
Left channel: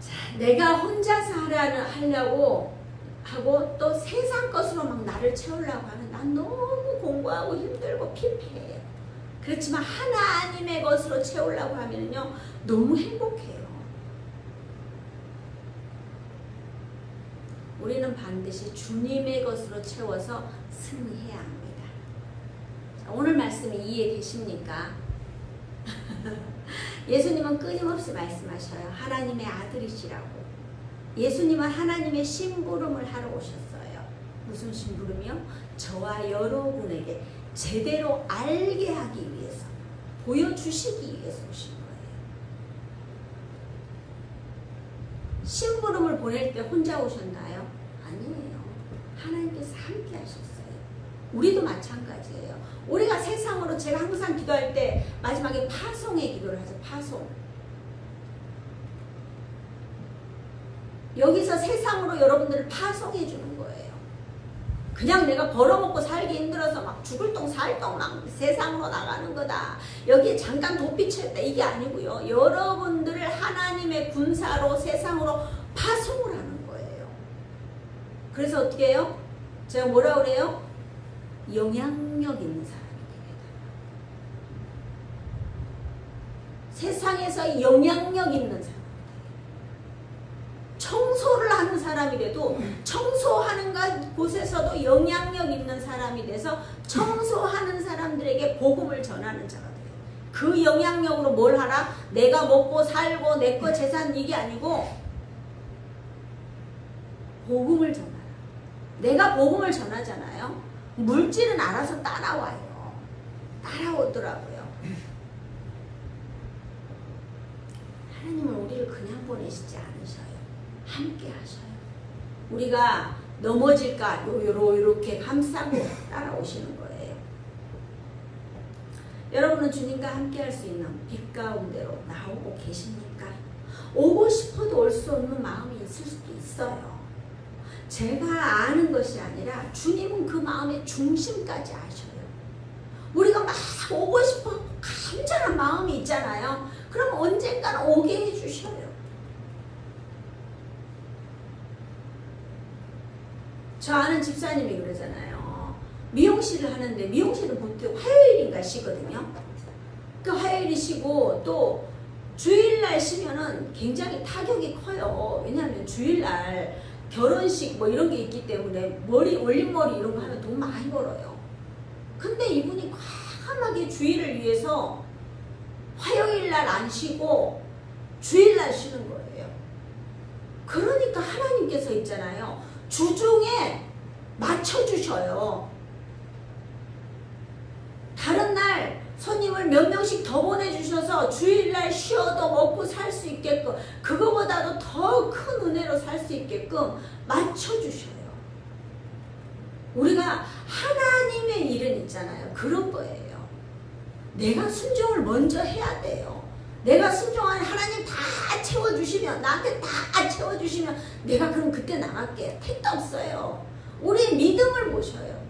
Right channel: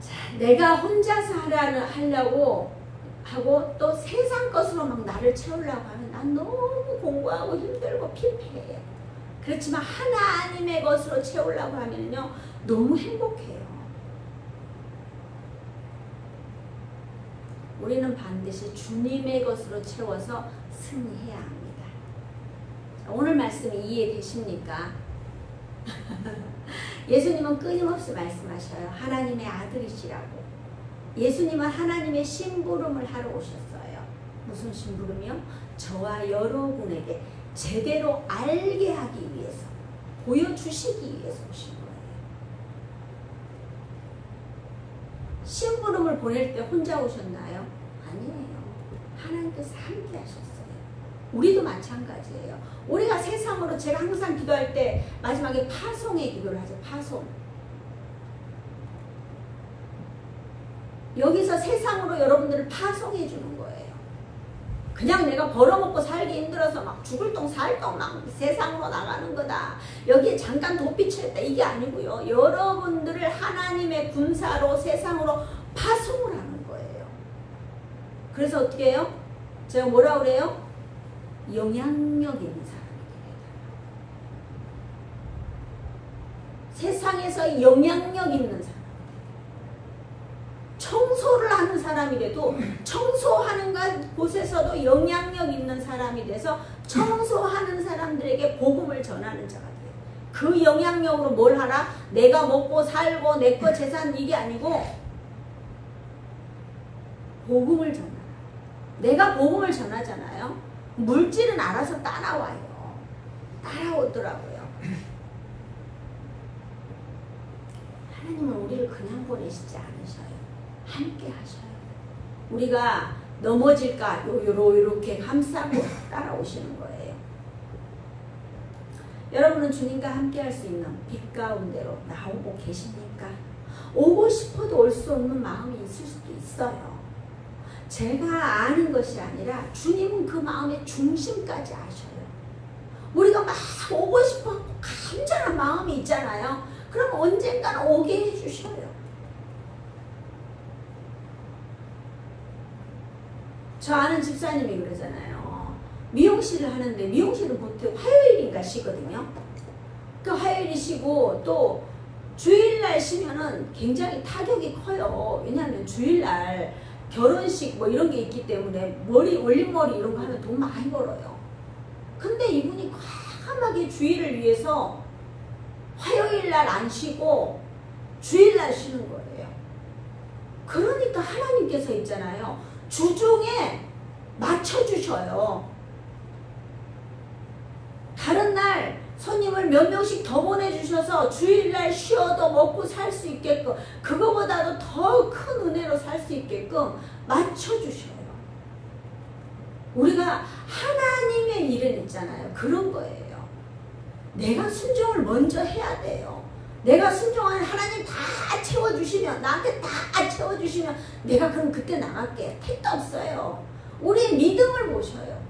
자, 내가 혼자서 하려고 하고 또 세상 것으로 막 나를 채우려고 하면 난 너무 공부하고 힘들고 피폐해요. 그렇지만 하나님의 것으로 채우려고 하면요 너무 행복해요. 우리는 반드시 주님의 것으로 채워서 승리해야 합니다. 자, 오늘 말씀이 이해되십니까? 예수님은 끊임없이 말씀하셔요. 하나님의 아들이시라고. 예수님은 하나님의 심부름을 하러 오셨어요. 무슨 심부름이요? 저와 여러분에게 제대로 알게 하기 위해서, 보여주시기 위해서 오신 거예요. 심부름을 보낼 때 혼자 오셨나요? 아니에요. 하나님께서 함께 하셨어요. 우리도 마찬가지예요. 우리가 세상으로, 제가 항상 기도할 때 마지막에 파송의 기도를 하죠. 파송. 여기서 세상으로 여러분들을 파송해 주는 거예요. 그냥 내가 벌어먹고 살기 힘들어서 막 죽을 똥 살 똥 막 세상으로 나가는 거다. 여기에 잠깐 도피쳤다. 이게 아니고요. 여러분들을 하나님의 군사로 세상으로 파송을 하는 거예요. 그래서 어떻게 해요? 제가 뭐라 그래요? 영향력 있는 사람이 되겠다. 세상에서 영향력 있는 사람. 청소를 하는 사람이 돼도 청소하는 곳에서도 영향력 있는 사람이 돼서 청소하는 사람들에게 복음을 전하는 자가 돼요. 그 영향력으로 뭘 하라? 내가 먹고 살고 내 거 재산 이게 아니고 복음을 전하라. 내가 복음을 전하잖아요. 물질은 알아서 따라와요. 따라오더라고요. 하나님은 우리를 그냥 보내시지 않으셔요. 함께 하셔요. 우리가 넘어질까 요렇게 감싸고 따라오시는 거예요. 여러분은 주님과 함께 할 수 있는 빛 가운데로 나오고 계십니까? 오고 싶어도 올 수 없는 마음이 있을 수도 있어요. 제가 아는 것이 아니라 주님은 그 마음의 중심까지 아셔요. 우리가 막 오고 싶어 간절한 마음이 있잖아요. 그럼 언젠가는 오게 해주셔요. 저 아는 집사님이 그러잖아요. 미용실을 하는데 미용실은 보통 화요일인가 쉬거든요. 그 화요일이 쉬고 또 주일날 쉬면은 굉장히 타격이 커요. 왜냐하면 주일날 결혼식 뭐 이런 게 있기 때문에 머리 올림머리 이런 거 하면 돈 많이 벌어요. 근데 이분이 과감하게 주일을 위해서 화요일날 안 쉬고 주일날 쉬는 거예요. 그러니까 하나님께서 있잖아요. 주중에 맞춰주셔요. 다른 날 손님을 몇 명씩 더 보내주셔서 주일날 쉬어도 먹고 살 수 있게끔, 그거보다도 더 큰 은혜로 살 수 있게끔 맞춰주셔요. 우리가 하나님의 일은 있잖아요. 그런 거예요. 내가 순종을 먼저 해야 돼요. 내가 순종하는 하나님 다 채워주시면, 나한테 다 채워주시면 내가 그럼 그때 나갈게. 택도 없어요. 우리 믿음을 보셔요.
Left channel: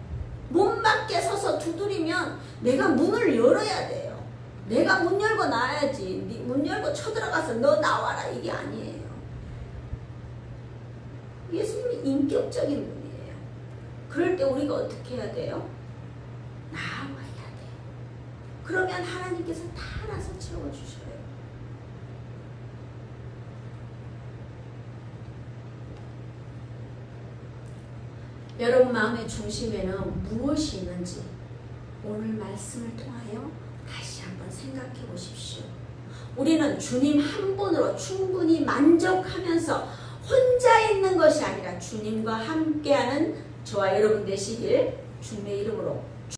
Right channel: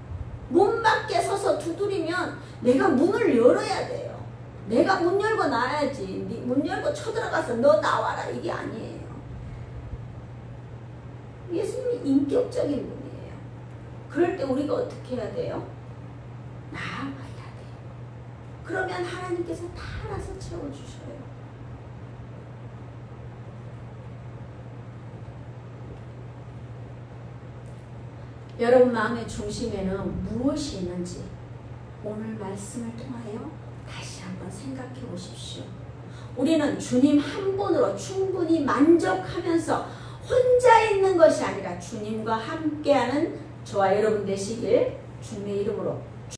문 밖에 서서 두드리면 내가 문을 열어야 돼요. 내가 문 열고 나와야지. 문 열고 쳐들어가서 너 나와라 이게 아니에요. 예수님이 인격적인 분이에요. 그럴 때 우리가 어떻게 해야 돼요? 나아가야 돼요. 그러면 하나님께서 다 알아서 채워주셔요. 여러분 마음의 중심에는 무엇이 있는지 오늘 말씀을 통하여 다시 한번 생각해 보십시오. 우리는 주님 한 분으로 충분히 만족하면서 혼자 있는 것이 아니라 주님과 함께하는 저와 여러분 되시길 주님의 이름으로